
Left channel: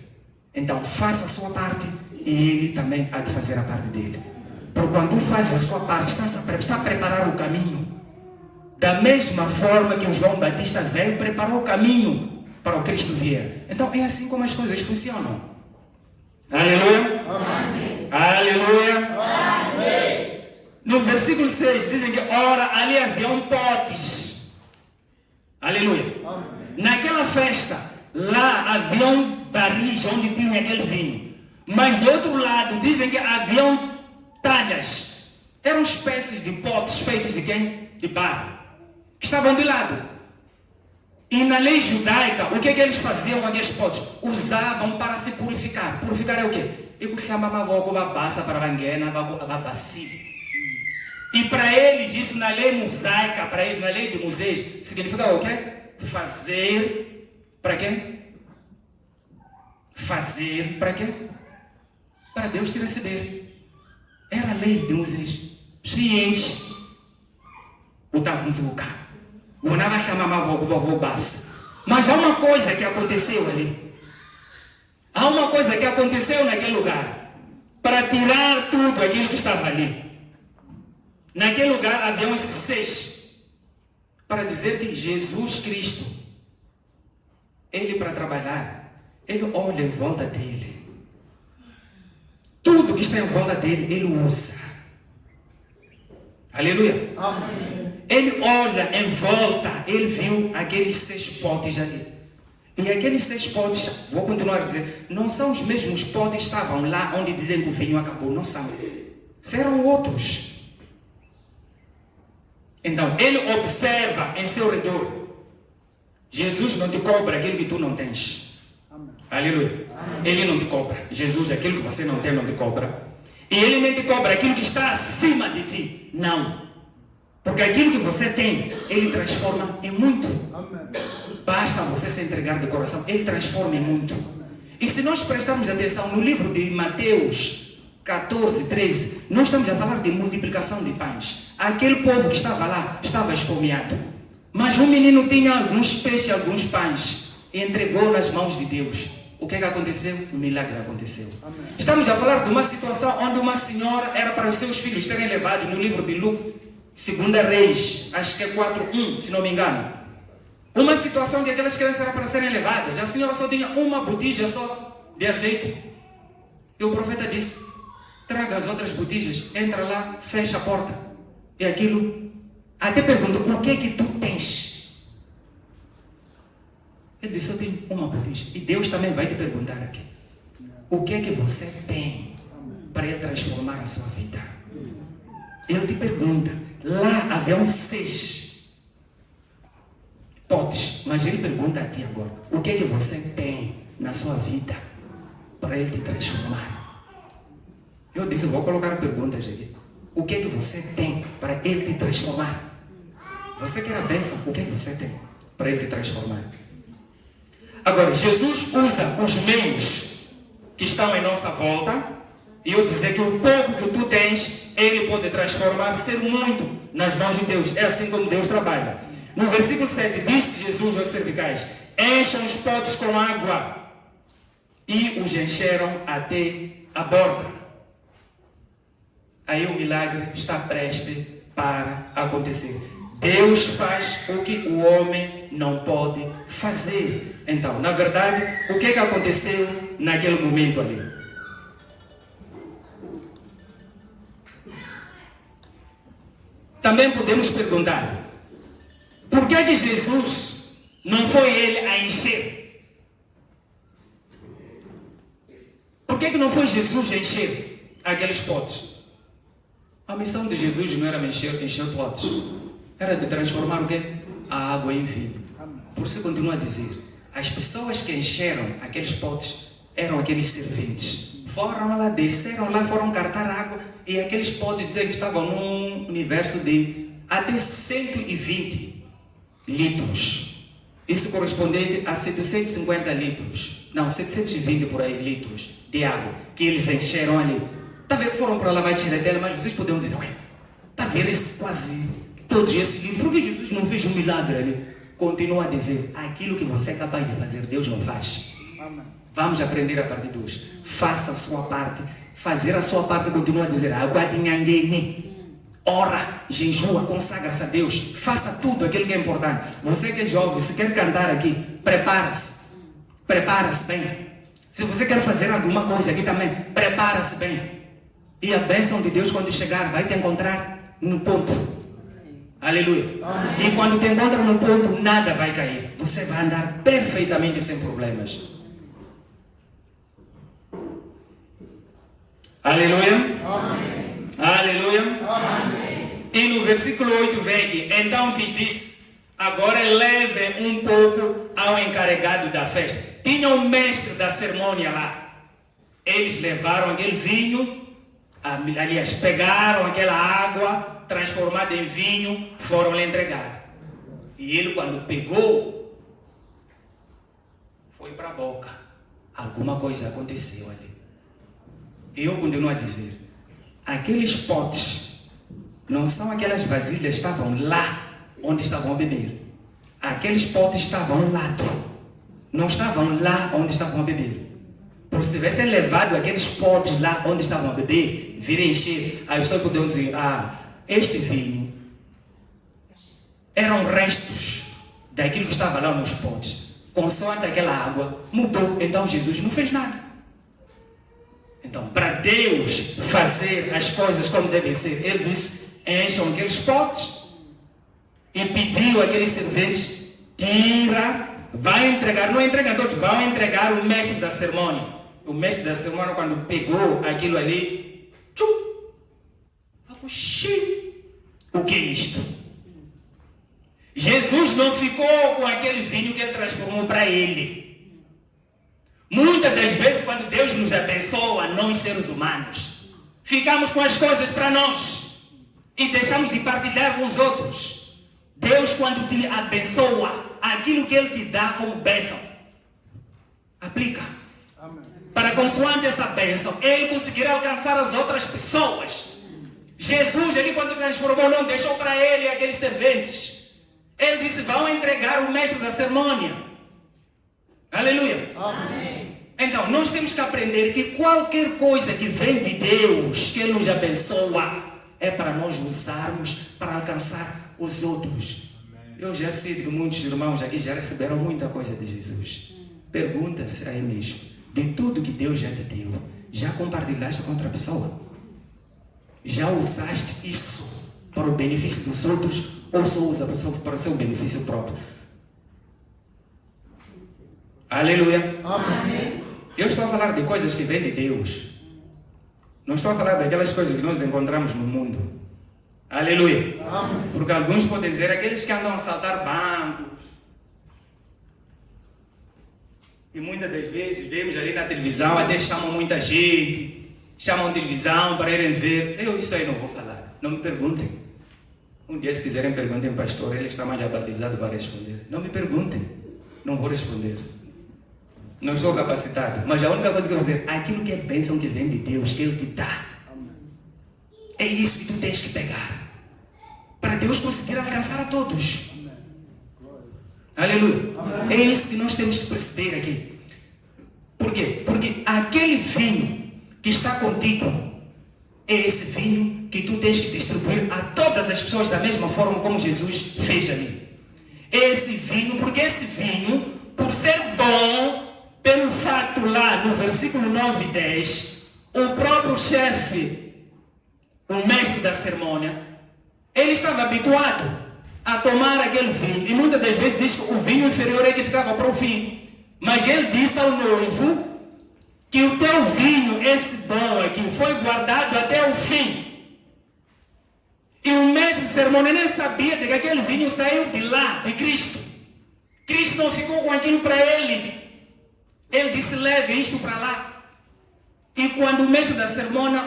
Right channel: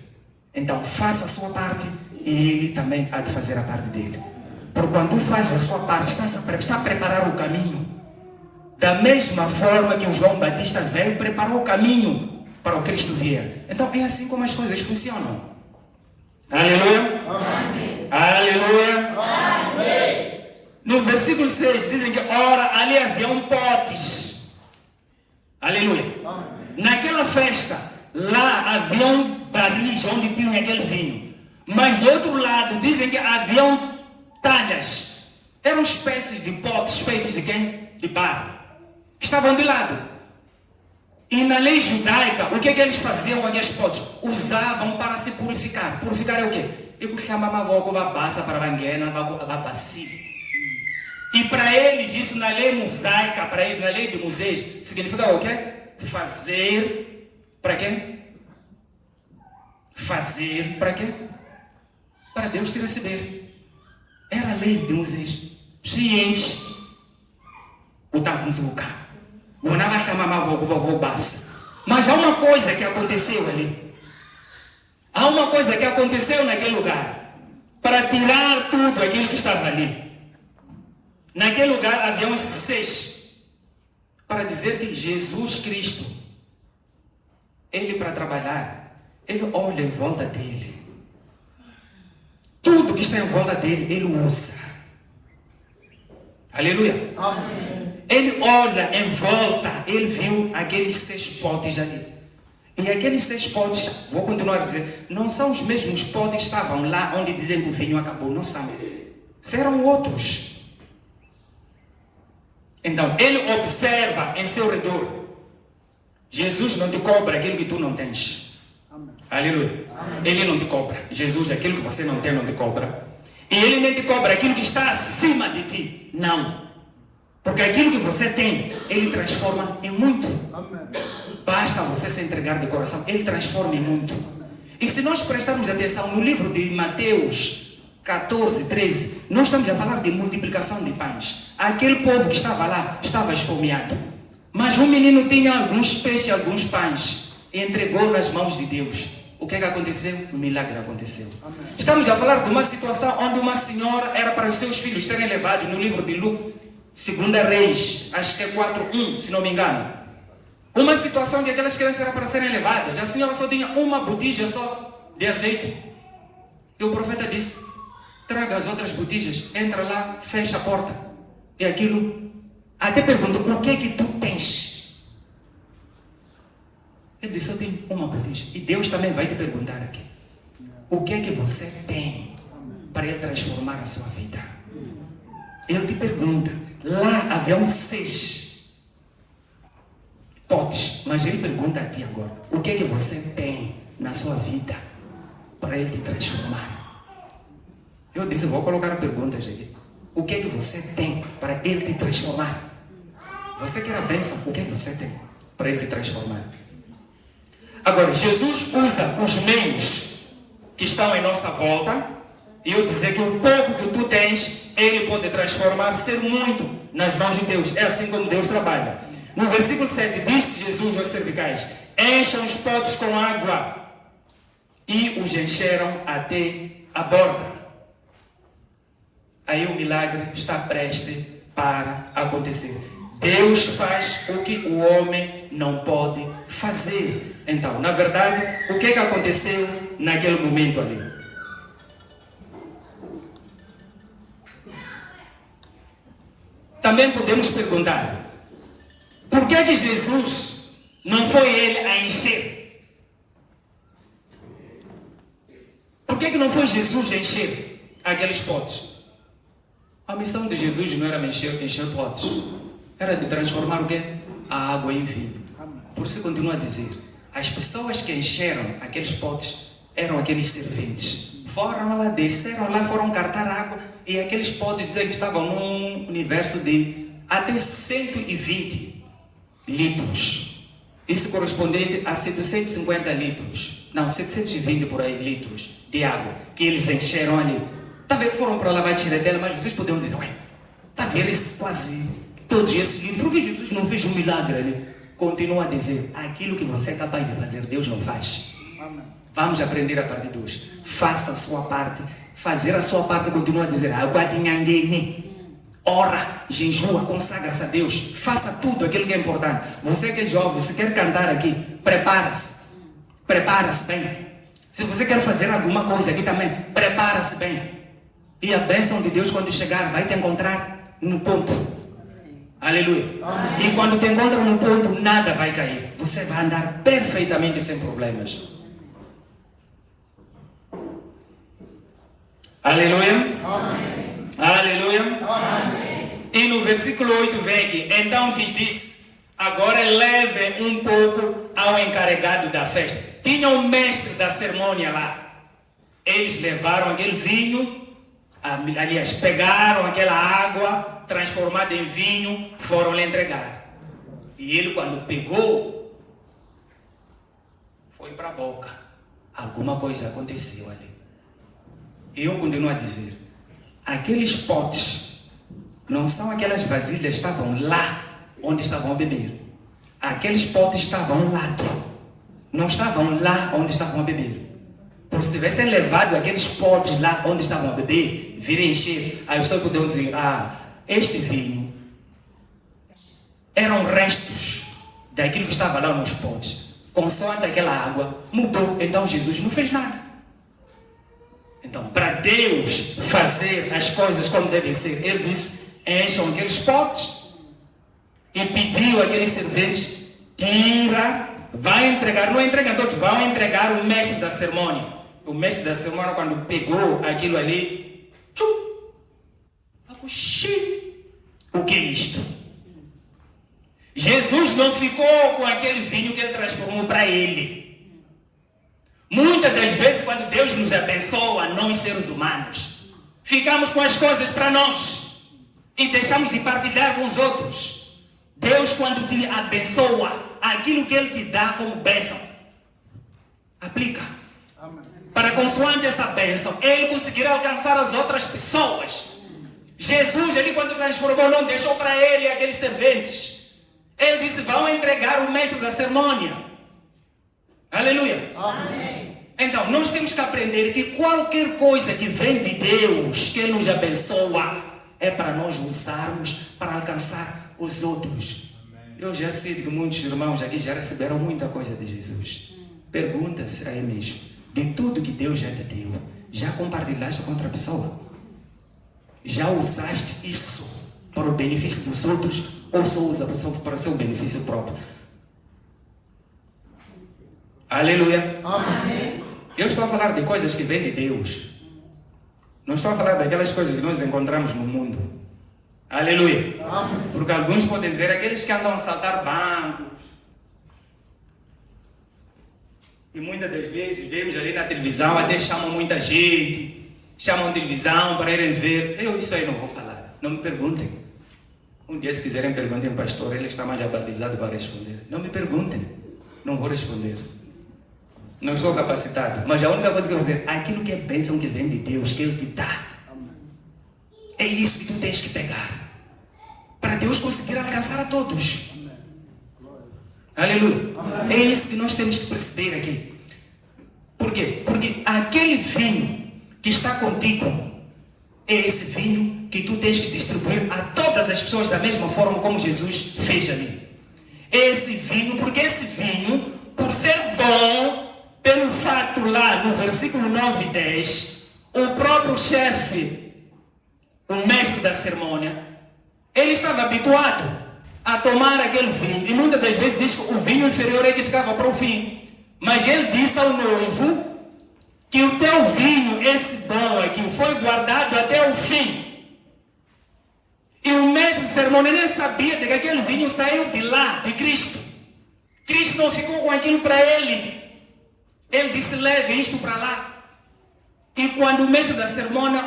Então faça a sua parte e ele também há de fazer a parte dele. Porque quando tu fazes a sua parte, está a preparar o caminho. Da mesma forma que o João Batista veio, preparou o caminho para o Cristo vir. Então é assim como as coisas funcionam. Aleluia. Amém. Aleluia. Amém. No versículo 6 dizem que, ora, ali haviam potes. Aleluia. Naquela festa, lá haviam barris onde tinha aquele vinho. Mas do outro lado, dizem que haviam talhas. Eram espécies de potes feitos de quem? De barro. Que estavam de lado. E na lei judaica, o que eles faziam com aqueles potes? Usavam para se purificar. Purificar é o quê? Eu chamava uma bassa para banguena, uma bacia. E para eles, isso na lei mosaica, para eles, na lei de Moisés, significa o quê? Fazer para quem? Fazer para quê? Para Deus te receber. Era a lei de Moisés. Ciente. O tabuzuca. O nada chamava o bassa. Mas há uma coisa que aconteceu ali. Há uma coisa que aconteceu naquele lugar. Para tirar tudo aquilo que estava ali. Naquele lugar havia um 6. Para dizer que Jesus Cristo, Ele para trabalhar, Ele olha em volta dele. Tudo que está em volta dele, Ele usa. Aleluia. Amém. Ele olha em volta, Ele viu aqueles 6 potes ali. E aqueles 6 potes, vou continuar a dizer, não são os mesmos potes que estavam lá onde dizem que o vinho acabou. Não são. Serão outros. Então, Ele observa em seu redor. Jesus não te cobra aquilo que tu não tens. Aleluia. Ele não te cobra. Jesus, aquilo que você não tem, não te cobra. E Ele nem te cobra aquilo que está acima de ti. Não. Porque aquilo que você tem, Ele transforma em muito. Basta você se entregar de coração. Ele transforma em muito. E se nós prestarmos atenção no livro de Mateus 14, 13, nós estamos a falar de multiplicação de pães. Aquele povo que estava lá, estava esfomeado. Mas um menino tinha alguns peixes, alguns pães. E entregou nas mãos de Deus. O que aconteceu? O milagre aconteceu. Estamos a falar de uma situação onde uma senhora era para os seus filhos serem levados no livro de Lucas, 2 Reis, acho que é 4:1, se não me engano. Uma situação que aquelas crianças eram para serem levadas. A senhora só tinha uma botija só de azeite. E o profeta disse, traga as outras botijas, entra lá, fecha a porta. E aquilo, até perguntou, o que é que tu tens? Ele disse, eu tenho uma botija. E Deus também vai te perguntar aqui. O que é que você tem para Ele transformar a sua vida? Ele te pergunta. Lá haviam 6 potes. Mas Ele pergunta a ti agora. O que é que você tem na sua vida para Ele te transformar? Eu disse, vou colocar perguntas aqui. O que é que você tem para Ele te transformar? Você quer a bênção? O que é que você tem para Ele te transformar? Agora, Jesus usa os meios que estão em nossa volta. E eu dizer que o pouco que tu tens, Ele pode transformar, ser muito nas mãos de Deus. É assim como Deus trabalha. No versículo 7, disse Jesus aos serviçais, encham os potes com água. E os encheram até a borda. Aí o milagre está prestes para acontecer. Deus faz o que o homem não pode fazer. Então, na verdade, o que aconteceu naquele momento ali? Também podemos perguntar, por que Jesus não foi Ele a encher? Por que não foi Jesus a encher aqueles potes? A missão de Jesus não era encher potes. Era de transformar o quê? A água em vinho. Por isso continua a dizer, as pessoas que encheram aqueles potes eram aqueles serventes. Foram lá, desceram lá, foram cartar água e aqueles potes dizem que estavam num universo de até 120 litros. Isso correspondente a 750 litros. Não, 720 por aí litros de água que eles encheram ali. Talvez foram para lavar a tiradela, mas vocês poderiam dizer, ué, talvez eles quase todos esses litros. Por que Jesus não fez um milagre ali? Continua a dizer, aquilo que você é capaz de fazer, Deus não faz. Vamos aprender a partir de hoje. Faça a sua parte. Fazer a sua parte, continua a dizer, ora, jejua, consagra-se a Deus. Faça tudo aquilo que é importante. Você que é jovem, se quer cantar aqui, prepara-se. Prepara-se bem. Se você quer fazer alguma coisa aqui também, prepara-se bem. E a bênção de Deus, quando chegar, vai te encontrar no ponto. Aleluia. Amém. E quando te encontra no ponto, nada vai cair. Você vai andar perfeitamente sem problemas. Aleluia. Amém. versículo 8 vem aqui. Então lhes disse: agora leve um pouco ao encarregado da festa. Tinha um mestre da cerimônia lá. Eles levaram aquele vinho, aliás, pegaram aquela água transformada em vinho, foram lhe entregar. E ele, quando pegou, foi para a boca. Alguma coisa aconteceu ali. Eu continuo a dizer: aqueles potes não são aquelas vasilhas que estavam lá onde estavam a beber. Aqueles potes estavam ao lado, não estavam lá onde estavam a beber. Porque se tivessem levado aqueles potes lá onde estavam a beber, virem encher, as pessoas poderiam dizer: este vinho eram restos daquilo que estava lá nos potes. Consoante aquela água mudou. Então Jesus não fez nada. Então, para Deus fazer as coisas como devem ser, Ele disse: encham aqueles potes. E pediu àqueles serventes: tira, vai entregar. Não entrega todos, vai entregar o mestre da cerimônia. O mestre da cerimônia, quando pegou aquilo ali, o que é isto? Jesus não ficou com aquele vinho que ele transformou para ele. Muitas das vezes, quando Deus nos abençoa, nós seres humanos, ficamos com as coisas para nós e deixamos de partilhar com os outros. Deus, quando te abençoa, aquilo que Ele te dá como bênção, aplica. Para consoante essa bênção, Ele conseguirá alcançar as outras pessoas. Jesus, Ele quando transformou, não deixou para Ele aqueles serventes. Ele disse: vão entregar o mestre da cerimônia. Aleluia. Amém. Então, nós temos que aprender que qualquer coisa que vem de Deus, que nos abençoa, é para nós usarmos para alcançar os outros. Eu já sei que muitos irmãos aqui já receberam muita coisa de Jesus. Pergunta-se a ele mesmo: de tudo que Deus já te deu, já compartilhaste com outra pessoa? Já usaste isso para o benefício dos outros ou só usa para o seu benefício próprio? Aleluia. Amém. Eu estou a falar de coisas que vêm de Deus. Não estou a falar daquelas coisas que nós encontramos no mundo. Aleluia. Amém. Porque alguns podem dizer: aqueles que andam a saltar bancos. E muitas das vezes vemos ali na televisão, até chamam muita gente. Chamam televisão para irem ver. Eu isso aí não vou falar. Não me perguntem. Um dia, se quiserem, perguntem ao pastor. Ele está mais abalizado para responder. Não me perguntem. Não vou responder. Não sou capacitado. Mas a única coisa que eu vou dizer: aquilo que é bênção que vem de Deus, que Ele te dá, é isso que tu tens que pegar, para Deus conseguir alcançar a todos. Aleluia. É isso que nós temos que perceber aqui. Por quê? Porque aquele vinho que está contigo é esse vinho que tu tens que distribuir a todas as pessoas da mesma forma como Jesus fez ali. Esse vinho, porque esse vinho, por ser bom, pelo fato lá no versículo 9 e 10, o próprio chefe, o mestre da cerimônia, ele estava habituado a tomar aquele vinho. E muitas das vezes diz que o vinho inferior é que ficava para o fim. Mas ele disse ao noivo que o teu vinho, esse bom aqui, foi guardado até o fim. E o mestre de cerimônia nem sabia de que aquele vinho saiu de lá, de Cristo. Cristo não ficou com aquilo para ele. Ele disse: leve isto para lá. E quando o mestre da cerimônia,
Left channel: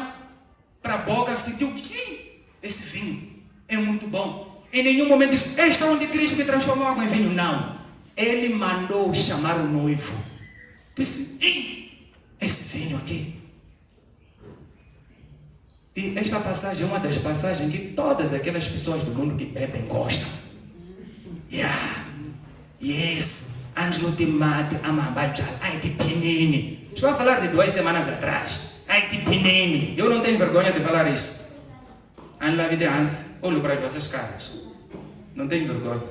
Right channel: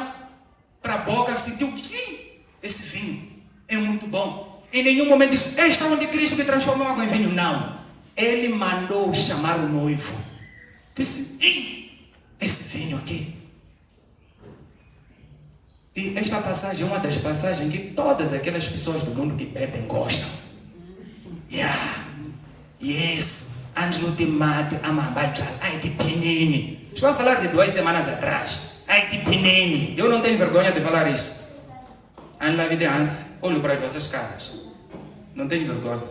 para a boca, sentiu que esse vinho é muito bom. Em nenhum momento disse: está onde Cristo me transformou água em vinho. Não. Ele mandou chamar o noivo. Disse: esse vinho aqui. E esta passagem é uma das passagens que todas aquelas pessoas do mundo que bebem gostam. Yes. Angelo de mate amabajal. Ai de pinini. Estou a falar de 2 semanas atrás. Ai de pinini. Eu não tenho vergonha de falar isso. Anda vida antes. Olho para as vossas caras. Não tenho vergonha.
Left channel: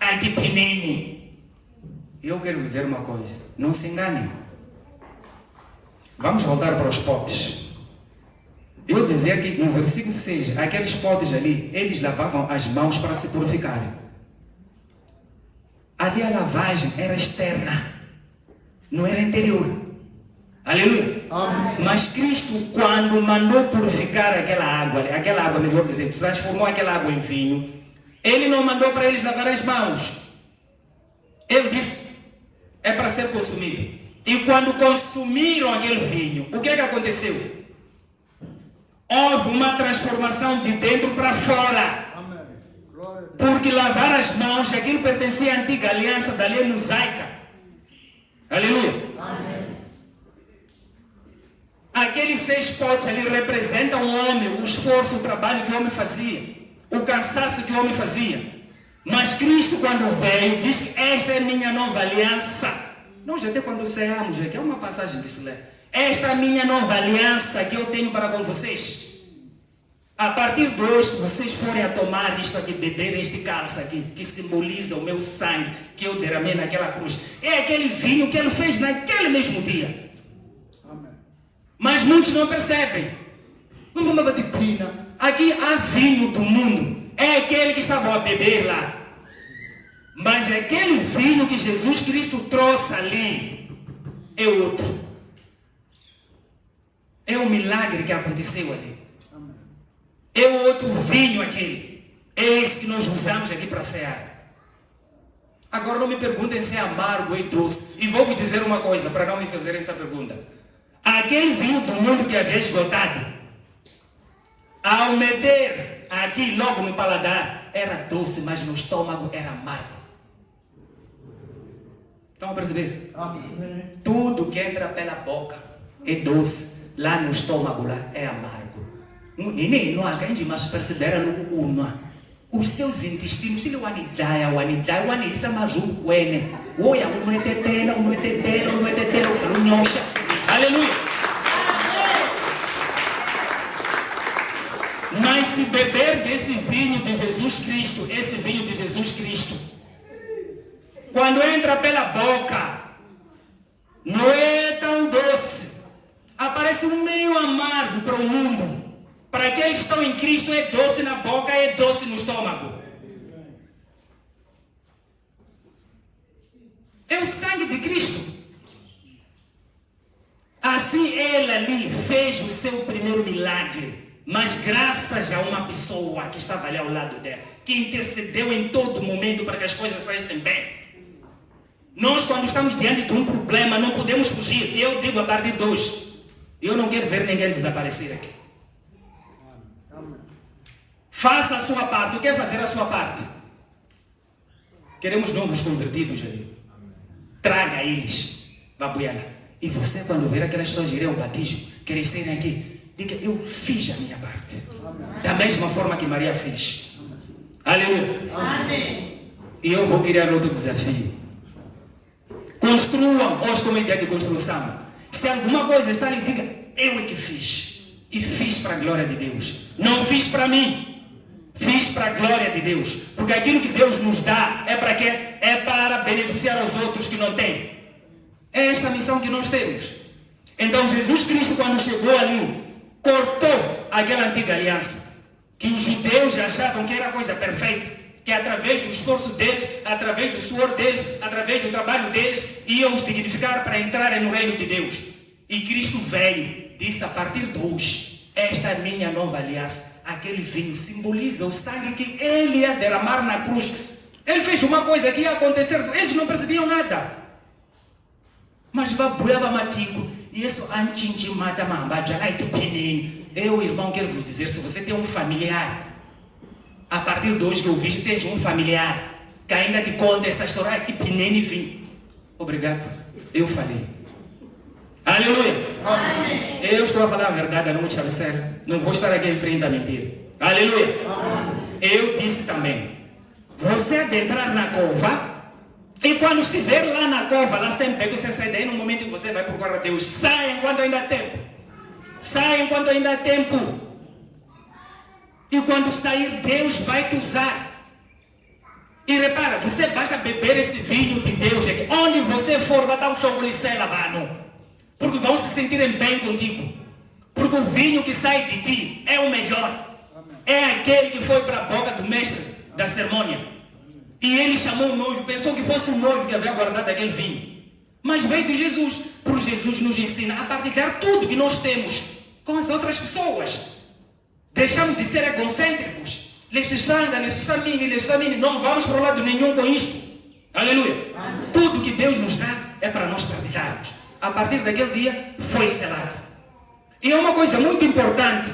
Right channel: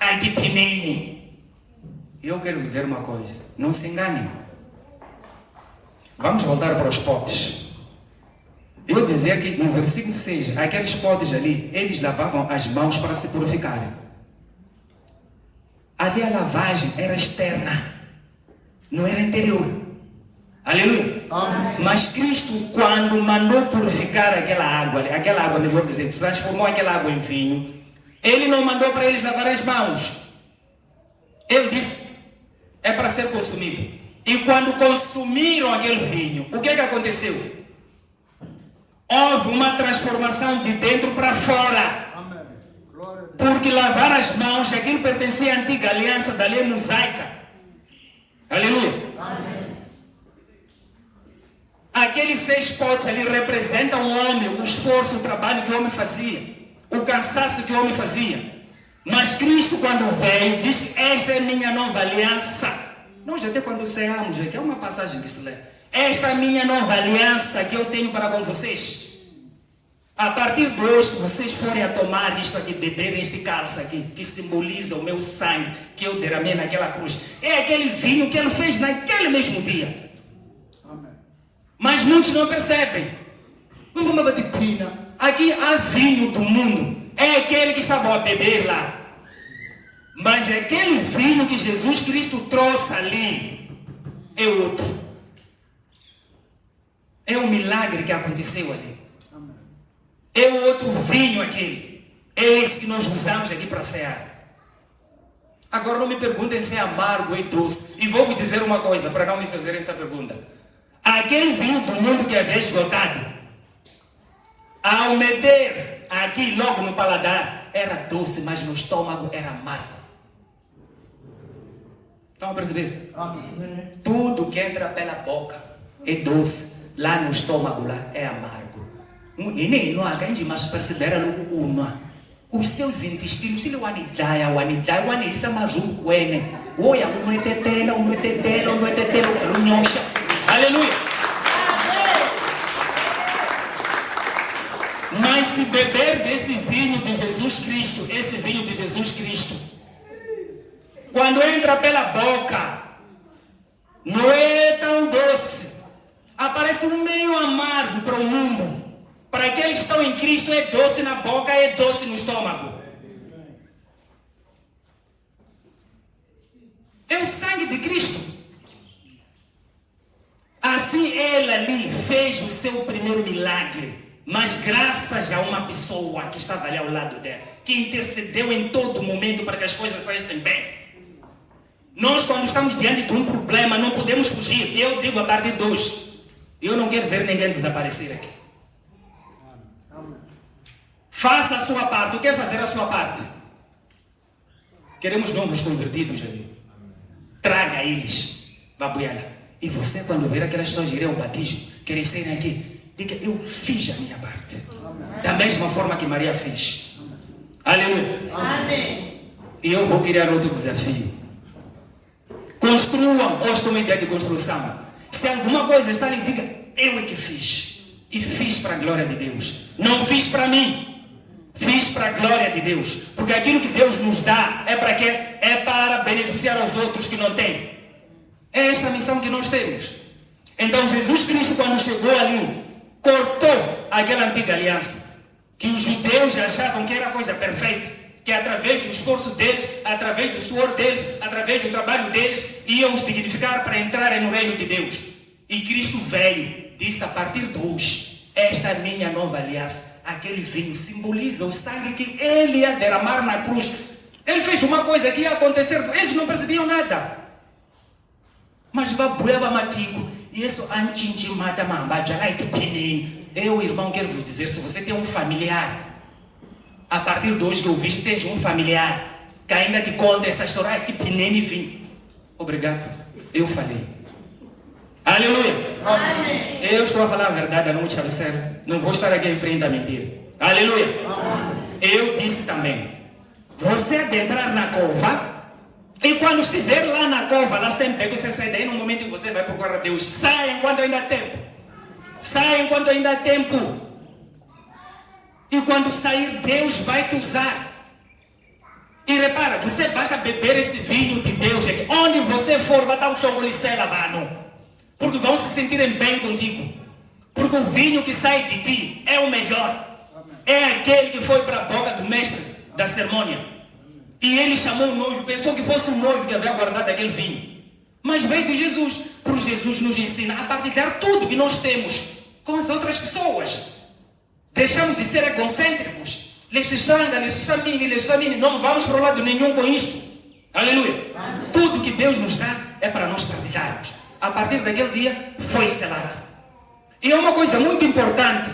Ai de pinini. Eu quero dizer uma coisa. Não se enganem. Vamos voltar para os potes. Eu dizia que no versículo 6, aqueles potes ali, eles lavavam as mãos para se purificarem. Ali a lavagem era externa, não era interior. Aleluia. Mas Cristo, quando mandou purificar aquela água, melhor dizer, transformou aquela água em vinho, Ele não mandou para eles lavar as mãos. Ele disse, é para ser consumido. E quando consumiram aquele vinho, o que aconteceu? Houve uma transformação de dentro para fora. Porque lavar as mãos, aquilo pertencia à antiga aliança da lei mosaica. Aleluia. Aqueles 6 potes ali representam o homem, o esforço, o trabalho que o homem fazia, o cansaço que o homem fazia. Mas Cristo, quando veio, diz que esta é minha nova aliança. Nós até quando ceamos, aqui é uma passagem que se lê. Esta é a minha nova aliança que eu tenho para com vocês. A partir de hoje, que vocês forem a tomar isto aqui, beber este cálice aqui, que simboliza o meu sangue, que eu derramei naquela cruz. É aquele vinho que ele fez naquele mesmo dia. Mas muitos não percebem. Uma disciplina. Aqui há vinho do mundo. É aquele que estavam a beber lá. Mas aquele vinho que Jesus Cristo trouxe ali é outro. É um milagre que aconteceu ali. É o outro vinho aquele. É esse que nós usamos aqui para cear. Agora não me perguntem se é amargo ou doce. E vou vos dizer uma coisa para não me fazer essa pergunta. Aquele vinho do mundo que havia esgotado, ao meter aqui logo no paladar, era doce, mas no estômago era amargo. Estão a perceber? Tudo que entra pela boca é doce, lá no estômago lá é amargo. E nem não há grande mais perceber no os seus intestinos, ele wanidaya, wanisa mazulu kwene. Oya umwetetela, unyosha. Aleluia. Mas se beber desse vinho de Jesus Cristo, esse vinho de Jesus Cristo, quando entra pela boca, não é tão doce. Aparece um meio amargo para o mundo. Para aqueles que estão em Cristo é doce na boca, é doce no estômago. É o sangue de Cristo. Assim ele ali fez o seu primeiro milagre. Mas graças a uma pessoa que estava ali ao lado dela, que intercedeu em todo momento para que as coisas saíssem bem. Nós, quando estamos diante de um problema, não podemos fugir. Eu digo a partir de hoje, eu não quero ver ninguém desaparecer aqui. Faça a sua parte. O que é fazer a sua parte? Queremos novos convertidos ali. Traga eles. Babuiana. E você, quando ver aquelas pessoas irem ao batismo, crescerem aqui, diga, eu fiz a minha parte. Da mesma forma que Maria fez. Aleluia. Amém. E eu vou criar outro desafio. Construam. Hoje estou em ideia de construção. Se alguma coisa está ali, diga, eu é que fiz. E fiz para a glória de Deus. Não fiz para mim. Fiz para a glória de Deus. Porque aquilo que Deus nos dá é para quê? É para beneficiar os outros que não têm. É esta a missão que nós temos. Então Jesus Cristo, quando chegou ali, cortou aquela antiga aliança. Que os judeus achavam que era a coisa perfeita. Que através do esforço deles, através do suor deles, através do trabalho deles, iam os dignificar para entrarem no reino de Deus. E Cristo veio, disse a partir de hoje, esta é a minha nova aliança. Aquele vinho simboliza o sangue que ele ia derramar na cruz. Ele fez uma coisa que ia acontecer, eles não percebiam nada. Mas babueva matigo, e isso antinti mata mambaja, ai que peninho. Eu, irmão, quero vos dizer, se você tem um familiar, a partir de hoje que eu vejo, tens um familiar que ainda te conta essa história, ai que peninho, enfim. Obrigado, eu falei. Aleluia. Amém. Eu estou a falar a verdade, não vou te parecer. Não vou estar aqui em frente a mentira. Aleluia. Eu disse também. Você adentrar na cova. E quando estiver lá na cova, lá sempre você sai daí no momento que você vai procurar Deus. Sai enquanto ainda há tempo. Sai enquanto ainda há tempo. E quando sair, Deus vai te usar. E repara, você basta beber esse vinho de Deus. Onde você for, vai estar o chocolicela, mano. Porque vão se sentirem bem contigo. Porque o vinho que sai de ti é o melhor. É aquele que foi para a boca do mestre da cerimônia. E ele chamou o noivo, pensou que fosse o noivo que havia guardado aquele vinho. Mas veio de Jesus. Por Jesus nos ensina a partilhar tudo que nós temos com as outras pessoas. Deixamos de ser egocêntricos. Não vamos para o lado nenhum com isto. Aleluia. Amém. Tudo que Deus nos dá é para nós partilharmos. A partir daquele dia foi selado. E é uma coisa muito importante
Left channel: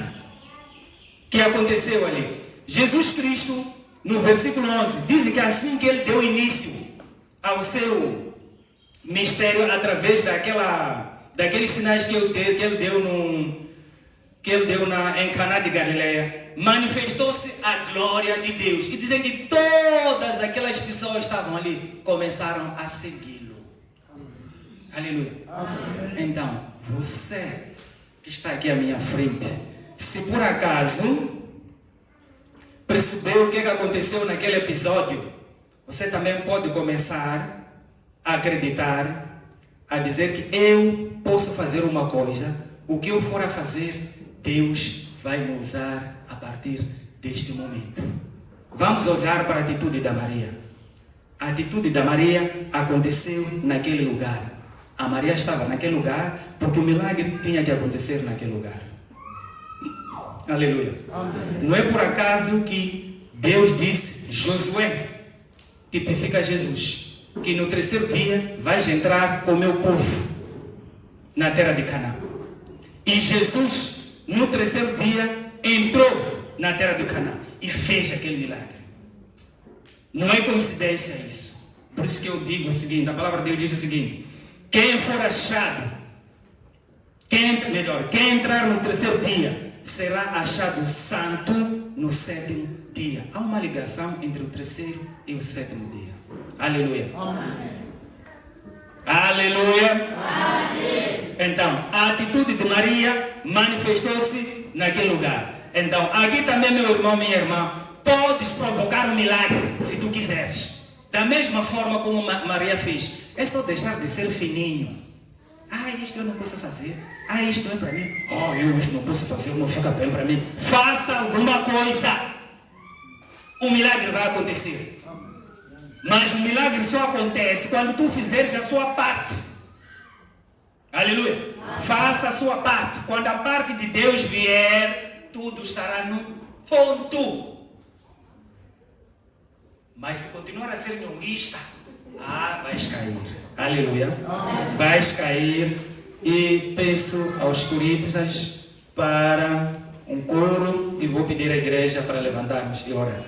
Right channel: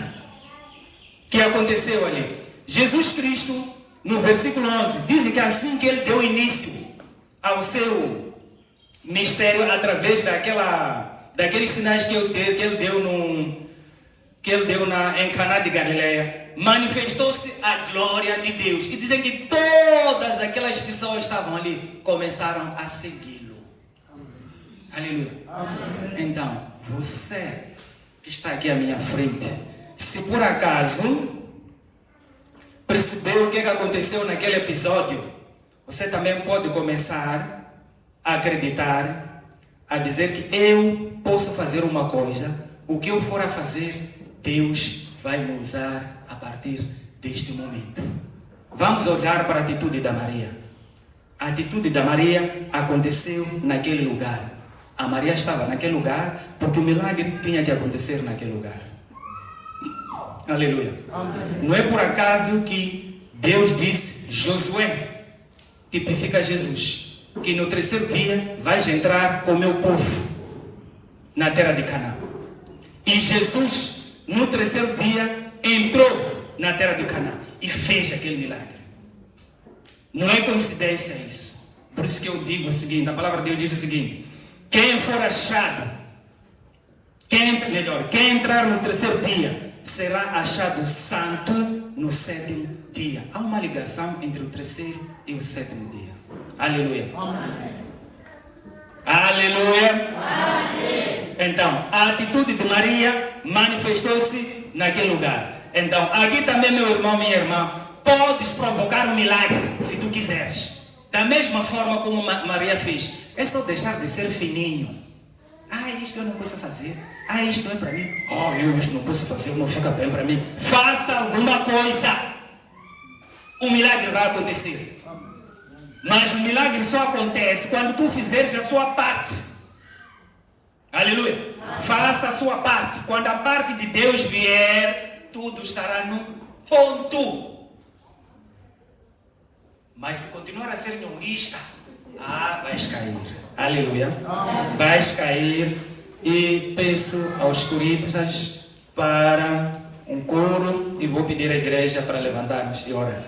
que aconteceu ali. Jesus Cristo, no versículo 11, diz que é assim que ele deu início ao seu mistério através daqueles sinais que ele deu em Caná de Galileia. Manifestou-se a glória de Deus. E dizem que todas aquelas pessoas que estavam ali começaram a segui-lo. Aleluia. Amém. Então, você que está aqui à minha frente, se por acaso percebeu o que aconteceu naquele episódio, você também pode começar a acreditar, a dizer que eu posso fazer uma coisa, o que eu for a fazer, Deus vai me usar a partir deste momento. Vamos olhar para a atitude da Maria. A atitude da Maria aconteceu naquele lugar. A Maria estava naquele lugar porque o milagre tinha que acontecer naquele lugar. Aleluia. Não é por acaso que Deus disse, Josué, tipifica Jesus, que no terceiro dia vais entrar com o meu povo na terra de Canaã. E Jesus, no terceiro dia, entrou na terra de Canaã e fez aquele milagre. Não é coincidência isso. Por isso que eu digo o seguinte, a palavra de Deus diz o seguinte, quem for achado, quem entrar no terceiro dia, será achado santo no sétimo dia. Há uma ligação entre o terceiro e o sétimo dia. Aleluia. Amém. Aleluia. Amém. Então, a atitude de Maria manifestou-se naquele lugar. Então, aqui também, meu irmão, minha irmã, podes provocar um milagre se tu quiseres. Da mesma forma como Maria fez. É só deixar de ser fininho. Isto eu não posso fazer. Isto é para mim. Eu isto não posso fazer, não fica bem para mim. Faça alguma coisa. O milagre vai acontecer. Mas o milagre só acontece quando tu fizeres a sua parte. Aleluia. Faça a sua parte. Quando a parte de Deus vier, tudo estará no ponto. Mas se continuar a ser nhonguista, vais cair. Aleluia. Vais cair. E peço aos coritas para um coro e vou pedir à igreja para levantarmos e orar.